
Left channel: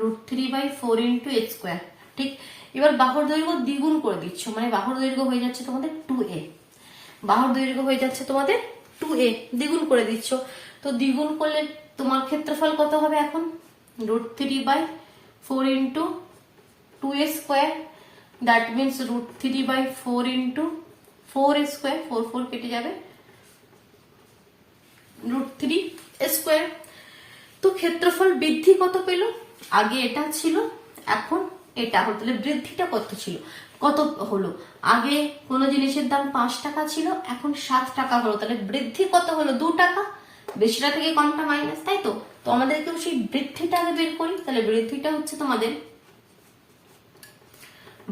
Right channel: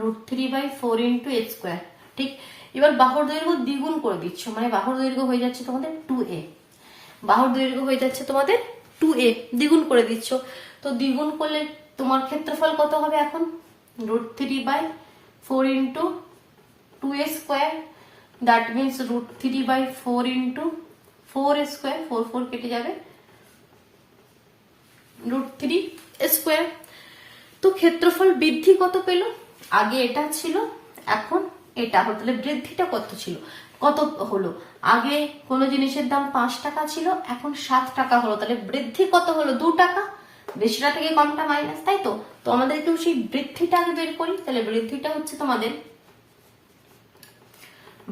√3/4 ইন্টু a স্কোয়ার। ঠিক, এবার বাহুর দৈর্ঘ্য দ্বিগুণ করে দিচ্ছ, মানে বাহুর দৈর্ঘ্য হয়ে যাচ্ছে তোমাদের 2a, বাহুর দৈর্ঘ্য হয়ে যাচ্ছে তোমাদের 2a, দ্বিগুণ করে দিচ্ছ। তো দ্বিগুণ করলে তোমার ক্ষেত্রফল কত হবে এখন, √3/4 into 2a square, that means √3/4 into 4a square, 4 কেটে যাবে, √3 স্কোয়ার। তো ক্ষেত্রফল বৃদ্ধি কত পেল, আগে এটা ছিল এখন এটা হলো, তাহলে বৃদ্ধিটা কত ছিল, কত হলো, আগে কোন জিনিসের দাম 5 টাকা ছিল এখন 7 টাকা হলো, তাহলে বৃদ্ধি কত হলো 2 টাকা, বেশিটা থেকে কমটা মাইনাস, তাই তো। তো আমাদেরকে সেই বৃদ্ধিটা আগে বের করি, তাহলে বৃদ্ধিটা হচ্ছে তোমাদের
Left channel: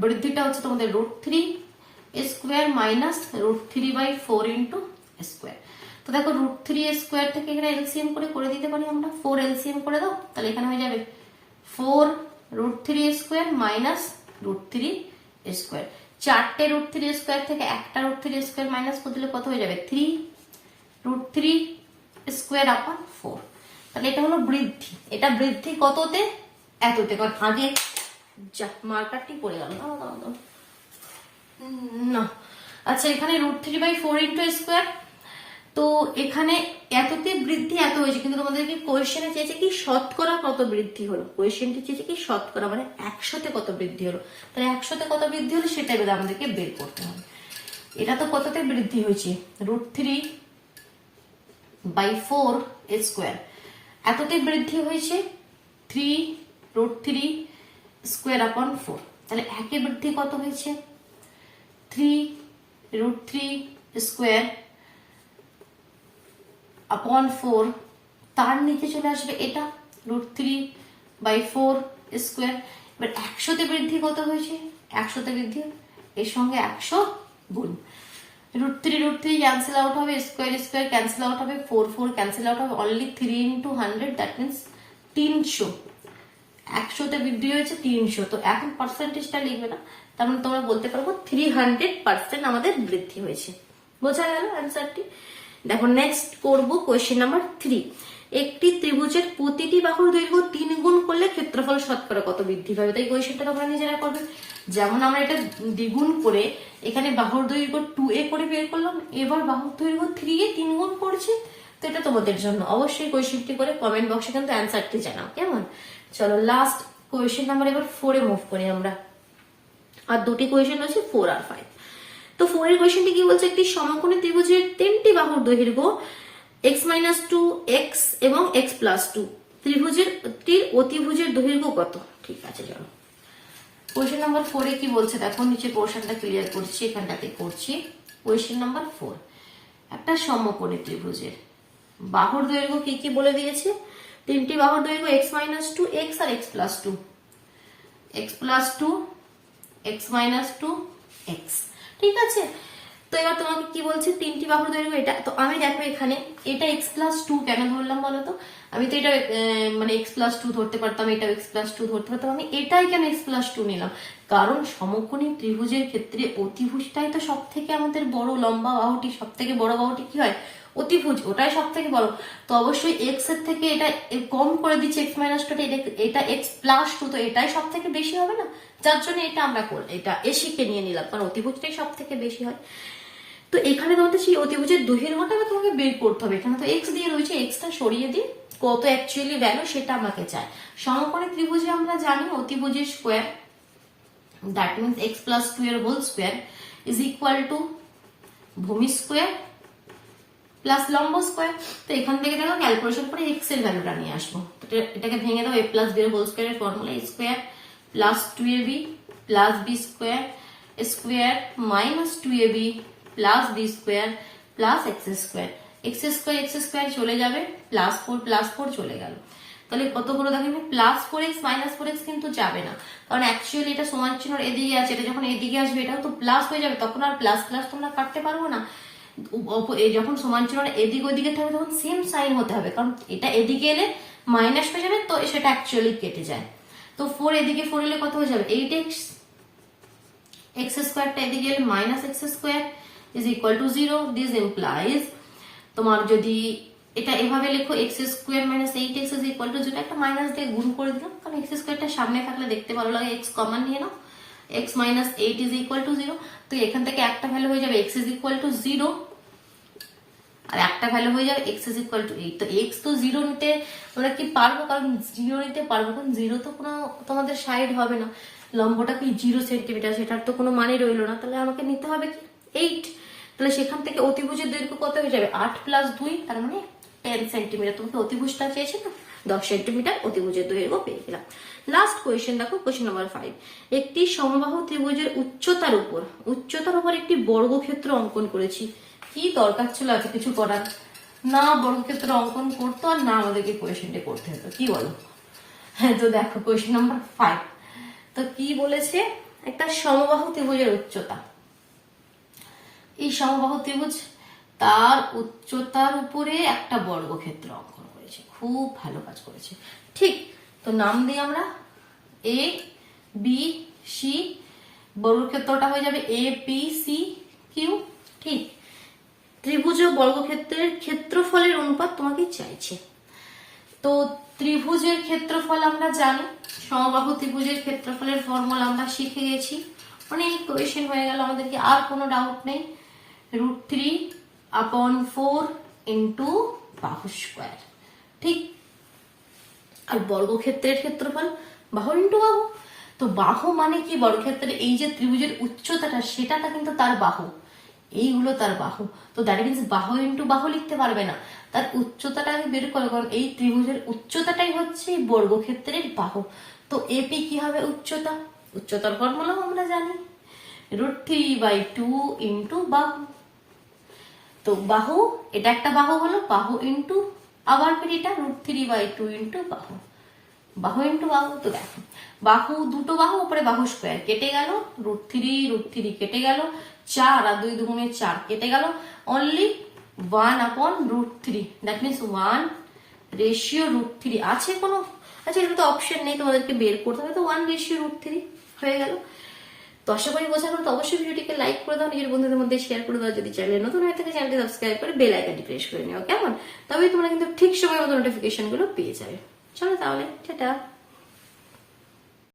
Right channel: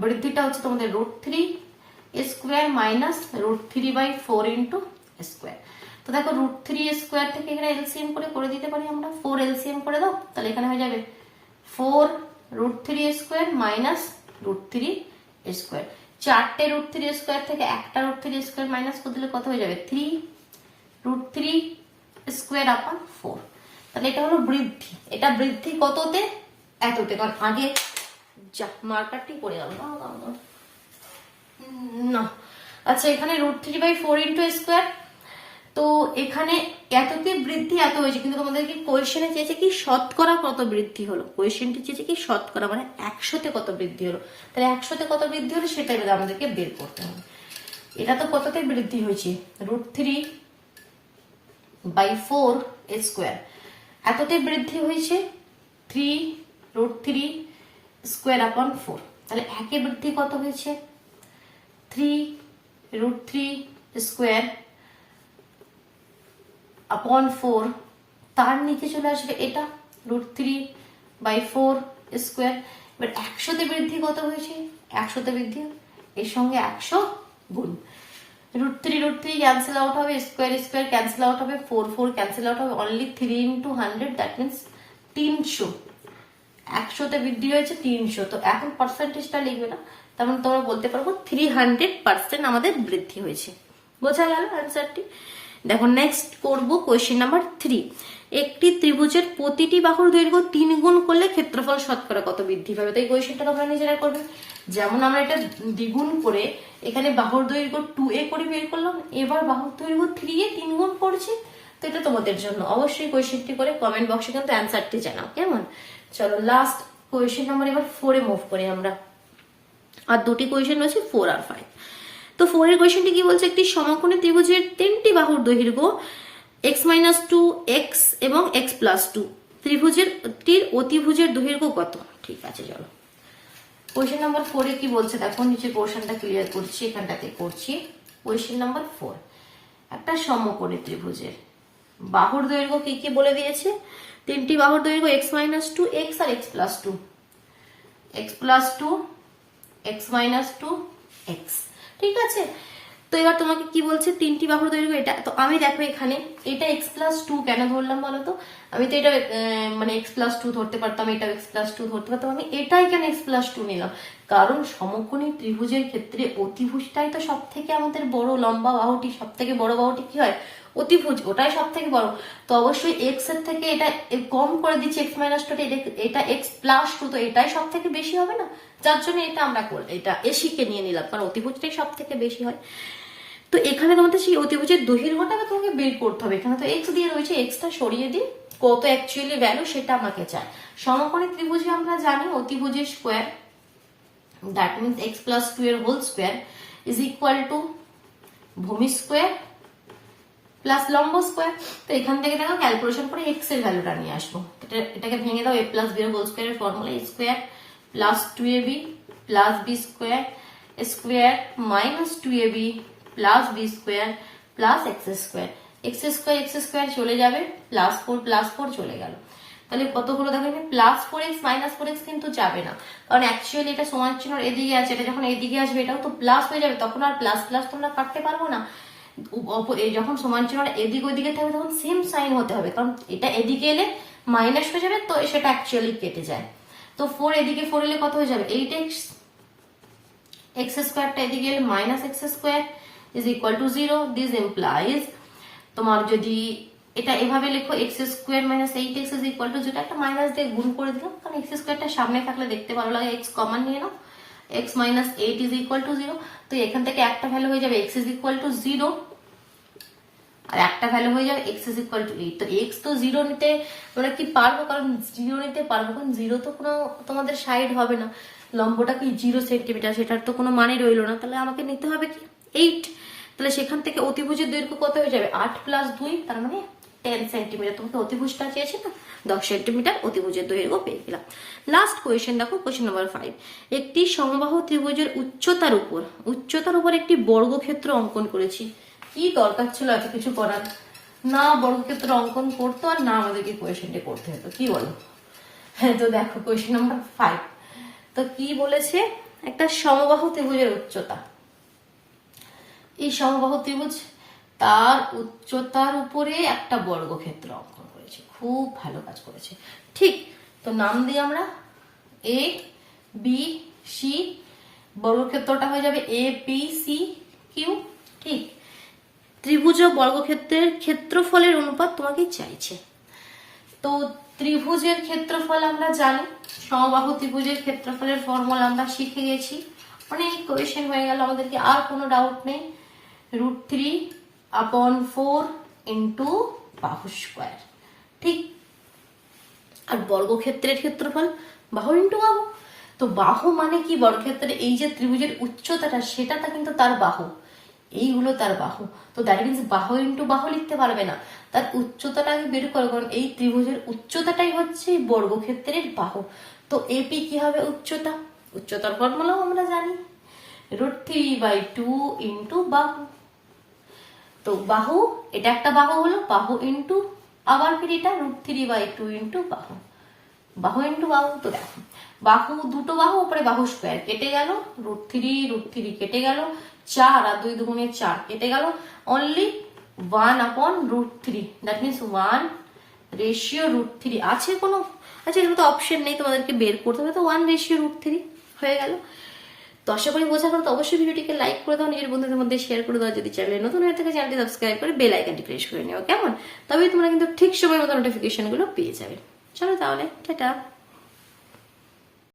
√3 স্কোয়ার মাইনাস √3/4 ইন্টু স্কোয়ার। তো দেখো √3 স্কোয়ার থেকে এখানে এলসিএম করে দিতে পারি আমরা, 4 এলসিএম করে দাও, তাহলে এখানে হয়ে যাবে 4 √3 স্কোয়ার মাইনাস √3 স্কোয়ার, 4টে √3 স্কোয়ার থেকে একটা √3 স্কোয়ার মাইনাস করে দিলে কত হয়ে যাবে 3 √3 স্কোয়ার আপন 4। তাহলে এটা হলো বৃদ্ধি, এটা বৃদ্ধি কততে, এততে, কারণ আগে যা মার্কারটি পড়ে গেল না। আচ্ছা, এখানে √3/4 ইন্টু স্কোয়ার, তো এখানে এততে বৃদ্ধি এত হয়েছে, কিন্তু তোমাদেরকে কোয়েশ্চেনে চেয়েছে কি শতকরা কত বৃদ্ধি হলো, কোয়েশ্চেনটি চেয়েছে কি শতকরা মানে 100তে কত বৃদ্ধি হলো, তাহলে 100তে কত বৃদ্ধি হলো সেটাই আমাদেরকে বের করতে হবে। এটা তো কততে বৃদ্ধি হয়েছে √3/4 স্কোয়ার, এততে বৃদ্ধি হয়েছে 3 √3 স্কোয়ার আপন 4, তাহলে একে বৃদ্ধি কত হয়েছে 3 √3 স্কোয়ার আপন 4, তার নিচে চলে আসবে এটা √3/4 স্কোয়ার। এবার 100তে বৃদ্ধি কত হয়েছে, 100তে বৃদ্ধি এর সঙ্গে 100 গুণ, √3 ক্যান্সেল আউট হবে, স্কোয়ার ক্যান্সেল আউট হবে, 4 ক্যান্সেল আউট হবে, অনলি 3 ইন্টু 100, দ্যাট মিনস 300, 100তে বৃদ্ধি হয়েছে 300। তো এখন পার্সেন্টেজটা লিখবে না, তার মানে তোমরা বলতে পারবো 300% আমাদের বৃদ্ধি হয়েছে। বোঝা গেল অ্যান্সারটি? দেখো নেক্সট করব কোয়েশ্চেন নাম্বার 3। একটি ত্রিভুজের প্রতিটি বাহুর দৈর্ঘ্য 3 গুণ করলে ক্ষেত্রফল শতকরা কত বৃদ্ধি পাবে? তাই কোয়েশ্চেনটা তোমরা নিজেরা করবে। যেমন আমরা এটা দ্বিগুণ করে এখানে বাহুর দৈর্ঘ্য 2a করে বের করলাম, এবার বাহুর দৈর্ঘ্য 3a 3 গুণ করছি। তো এটা তোমাদের জন্য অবশ্যই কোয়েশ্চেনটি করে কমেন্ট বক্সে কিন্তু অ্যান্সারটি জানাও, কেমন? চলো লাস্ট কোয়েশ্চেন নাম্বার এবার 4 এ মুভ করি আমরা। আর দুটি কোয়েশ্চেন রয়েছে 4 আর 5। তো 4 এর কোয়েশ্চেনটি কি বলছে? একটি সমকোণী ত্রিভুজের 3টি বাহুর দৈর্ঘ্য x-2, x এবং x+2, ত্রিভুজের অতিভুজের দৈর্ঘ্য কত? ঠিক আছে, চলো কোয়েশ্চেন নাম্বার 4 এ কি বলছে দেখো, নিচে পোর্শনটা ক্লিয়ার করছি, এখানটাতে করছি। কোয়েশ্চেন নাম্বার 4, একটা সমকোণী ত্রিভুজের বাহুর দৈর্ঘ্য কি কি বলে দিয়েছে? 3টি বাহুর দৈর্ঘ্য x-2, x আর x+2, x+2, x-2, x। ঠিক আছে, তো এবার তোমাকে কি বলছে? 3টি বাহুর দৈর্ঘ্য এটা। তো আমি দেখো এখানে এটা x+2 কেন ধরলাম বলতো? আমি তো এটা মানে x+2 ধরতে পারতাম, এটা x+2 ধরতে পারতাম, আমি এটাই কেন x+2 নিলাম? কারণ সমকোণী ত্রিভুজের ক্ষেত্রে অতিভুজটাই তো সব থেকে আমাদের বড়, লম্বা বাহুটি সব থেকে বড় বাহুটি কি হয়? অতিভুজ, ওটাই সব থেকে বড়। তো অবশ্যই x এর থেকে এটা কম করে দিচ্ছি, x-2, এটা x+2, তো এটাই সব থেকে বেশি হবে না? যার জন্য এটা আমরা এটা এসিকে নিয়ে নিলাম, কারণ অতিভুজটাই সব থেকে বেশি হয়। তো এখানে তোমাদের সেই অতিভুজের দৈর্ঘ্যটা তোমাকে বের করতে হবে। এখানে তো এক্স দিয়ে রয়েছে, এক্সটা সরিয়ে দিই, কত অ্যাকচুয়ালি ভ্যালু সেটা আমাকে চাই। সমকোণী ত্রিভুজে আমরা জানি অতিভুজের স্কোয়ার, দ্যাট মিনস x+2 এর whole square is equal to ভূমি স্কোয়ার প্লাস লম্ব স্কোয়ার। তো এখান থেকে দেখো ক্যালকুলেশন করে এক্স এর ভ্যালুটা নিয়ে আসবো। এটাকে ভেঙে দাও, a+b এর হোল স্কোয়ারের formula square plus 2ab plus b square square minus 2ab plus B square plus X square. X square চলে যাবে, প্লাস 4 চলে গেল। তাহলে কতগুলো দেখো, +4x -4x কিন্তু যাবে না, কারণ অ্যাকচুয়ালি এটা সমান চিহ্ন এদিকে আছে, এটা যখন এদিকে আসবে এটাও তো প্লাস হয়ে যাবে, তখন আর প্লাস প্লাস তোমরা কাটতে পারবো না। যখন সমান চিহ্ন এদিক ওইদিকে থাকবে তখন সেম সাইন হতে হবে, কারণ এটা এদিকে এলে মাইনাস হয়ে যাবে, তো সেটা অ্যাকচুয়ালি কেটে যায়। তো 4 এদিকে 4 এলে কত হয়ে যাবে? 8x, এক্স স্কোয়ারটা এদিকে এলে -x square is equal to 0. This implies তোমার যদি এটা এভাবে লেখো x² - 8x is equal to, যেটা একটা মাইনাস দিয়ে গুণ করে দিলাম, কারণ x² সামনে থাকলে দেখতে ভালো লাগে, x কমন নিয়ে নাও, x - 8 is equal to 0। তো এখান থেকে একটা ভ্যালু হয়ে যাবে x is equal to 0, আর একটা ভ্যালু হয়ে যাবে x is equal to 8। তো x তো 0 নিতে আমরা কি পারবো? কারণ 0 নিতে পারবো, কারণ 0 তো কোনো তোমাদের সাইড হবে না, লম্বটা কি 0 সেন্টিমিটার, সেটার তো কোনো মানে রইলো না। তাহলে আমাকে নিতে হবে কি 8। তাহলে সেখান থেকে অতিভুজের দৈর্ঘ্য কত হয়ে যাবে? 8 + 2, তার মানে 10 সেন্টিমিটার। তোমাকে অতিভুজটা চেয়েছে না, 10 সেন্টিমিটার অতিভুজের দৈর্ঘ্য পেয়ে গেলাম। লাস্ট কোয়েশ্চেন দেখো, কোয়েশ্চেন নাম্বার 5। একটি সমবাহু ত্রিভুজের উচ্চতার উপর একটি বর্গক্ষেত্র অঙ্কন করেছি। কি দরকার ছিল এত কিছু করার? না বর্গক্ষেত্র অঙ্কন করতো আর না আমাদেরকে কোয়েশ্চেনটা করতে হতো, কি বলো? হ্যাঁ, তো দেখো কোয়েশ্চেন নাম্বার 5। তো কি বলেছে? একটা সমবাহু ত্রিভুজের উচ্চতা, এই সমবাহু ত্রিভুজ তার উচ্চতার উপরে একটা বর্গক্ষেত্র অঙ্কন করেছে। খুব ভালো কাজ করেছে, ঠিক। তো নাম দিই আমরা এ বি সি, বর্গক্ষেত্রটা হয়ে যাবে এ পি সি কিউ, ঠিক। ত্রিভুজ ও বর্গক্ষেত্রের ক্ষেত্রফলের অনুপাত তোমাকে চাইছে। তো ত্রিভুজের ক্ষেত্রফল আমরা জানি, সমবাহু ত্রিভুজের ক্ষেত্রফলের ফর্মুলা আমরা শিখে গেছি, অনেক কোয়েশ্চেন হয়ে গেল আমাদেরকে, আর কোনো ডাউট নেই। √3/4 ইন্টু বাহু স্কোয়ার, ঠিক। আর বর্গক্ষেত্রের ক্ষেত্রফল বাহু ইন্টু বাহু। তো বাহু মানে কি? বর্গক্ষেত্রের এই যে ত্রিভুজের উচ্চতাটা, সেটাটা কিন্তু তার বাহু, এইগুলো তার বাহু। তো দ্যাট মিনস বাহু ইন্টু বাহু লিখতে পারবে না, তার উচ্চতাটা আমি বের করবো, কারণ এই ত্রিভুজের উচ্চতাটাই হচ্ছে বর্গক্ষেত্রের বাহু। তো এপি কি হবে? উচ্চতার ফর্মুলাও আমরা জানি, √3/2 ইন্টু বাহু। তো বাহু, এটা একটা বাহু হলো, বাহু ইন্টু আবার ফির এটা √3/2 ইন্টু বাহু ইন্টু বাহু। তো দেখো বাহু, দুটো বাহু, উপরে বাহু স্কোয়ার কেটে গেল, √3 কেটে গেল, 4 আর 2 দুগুণে 4 কেটে গেল, অনলি 1/√3, দ্যাট মিনস 1 রেশিও √3। আছে কোনো আচ্ছা এখানে তো অপশন নেই, তোমাদেরকে বের করতে হবে, তো 1:√3 হয়ে গেল। তো আশা করি বোঝা গেল। তো অবশ্যই ভিডিওটিকে লাইক করে দাও, নিজের বন্ধুদের মধ্যে শেয়ার করে দাও, যদি চ্যানেলে নতুন হয়ে থাকে চ্যানেলটি সাবস্ক্রাইব করে বেল আইকনটি প্রেস করে নিও, কেমন? তবেই তোমরা কিন্তু ঠিক সময় মতো নোটিফিকেশন গুলো পেয়ে যাবে। চলো তাহলে, টাটা।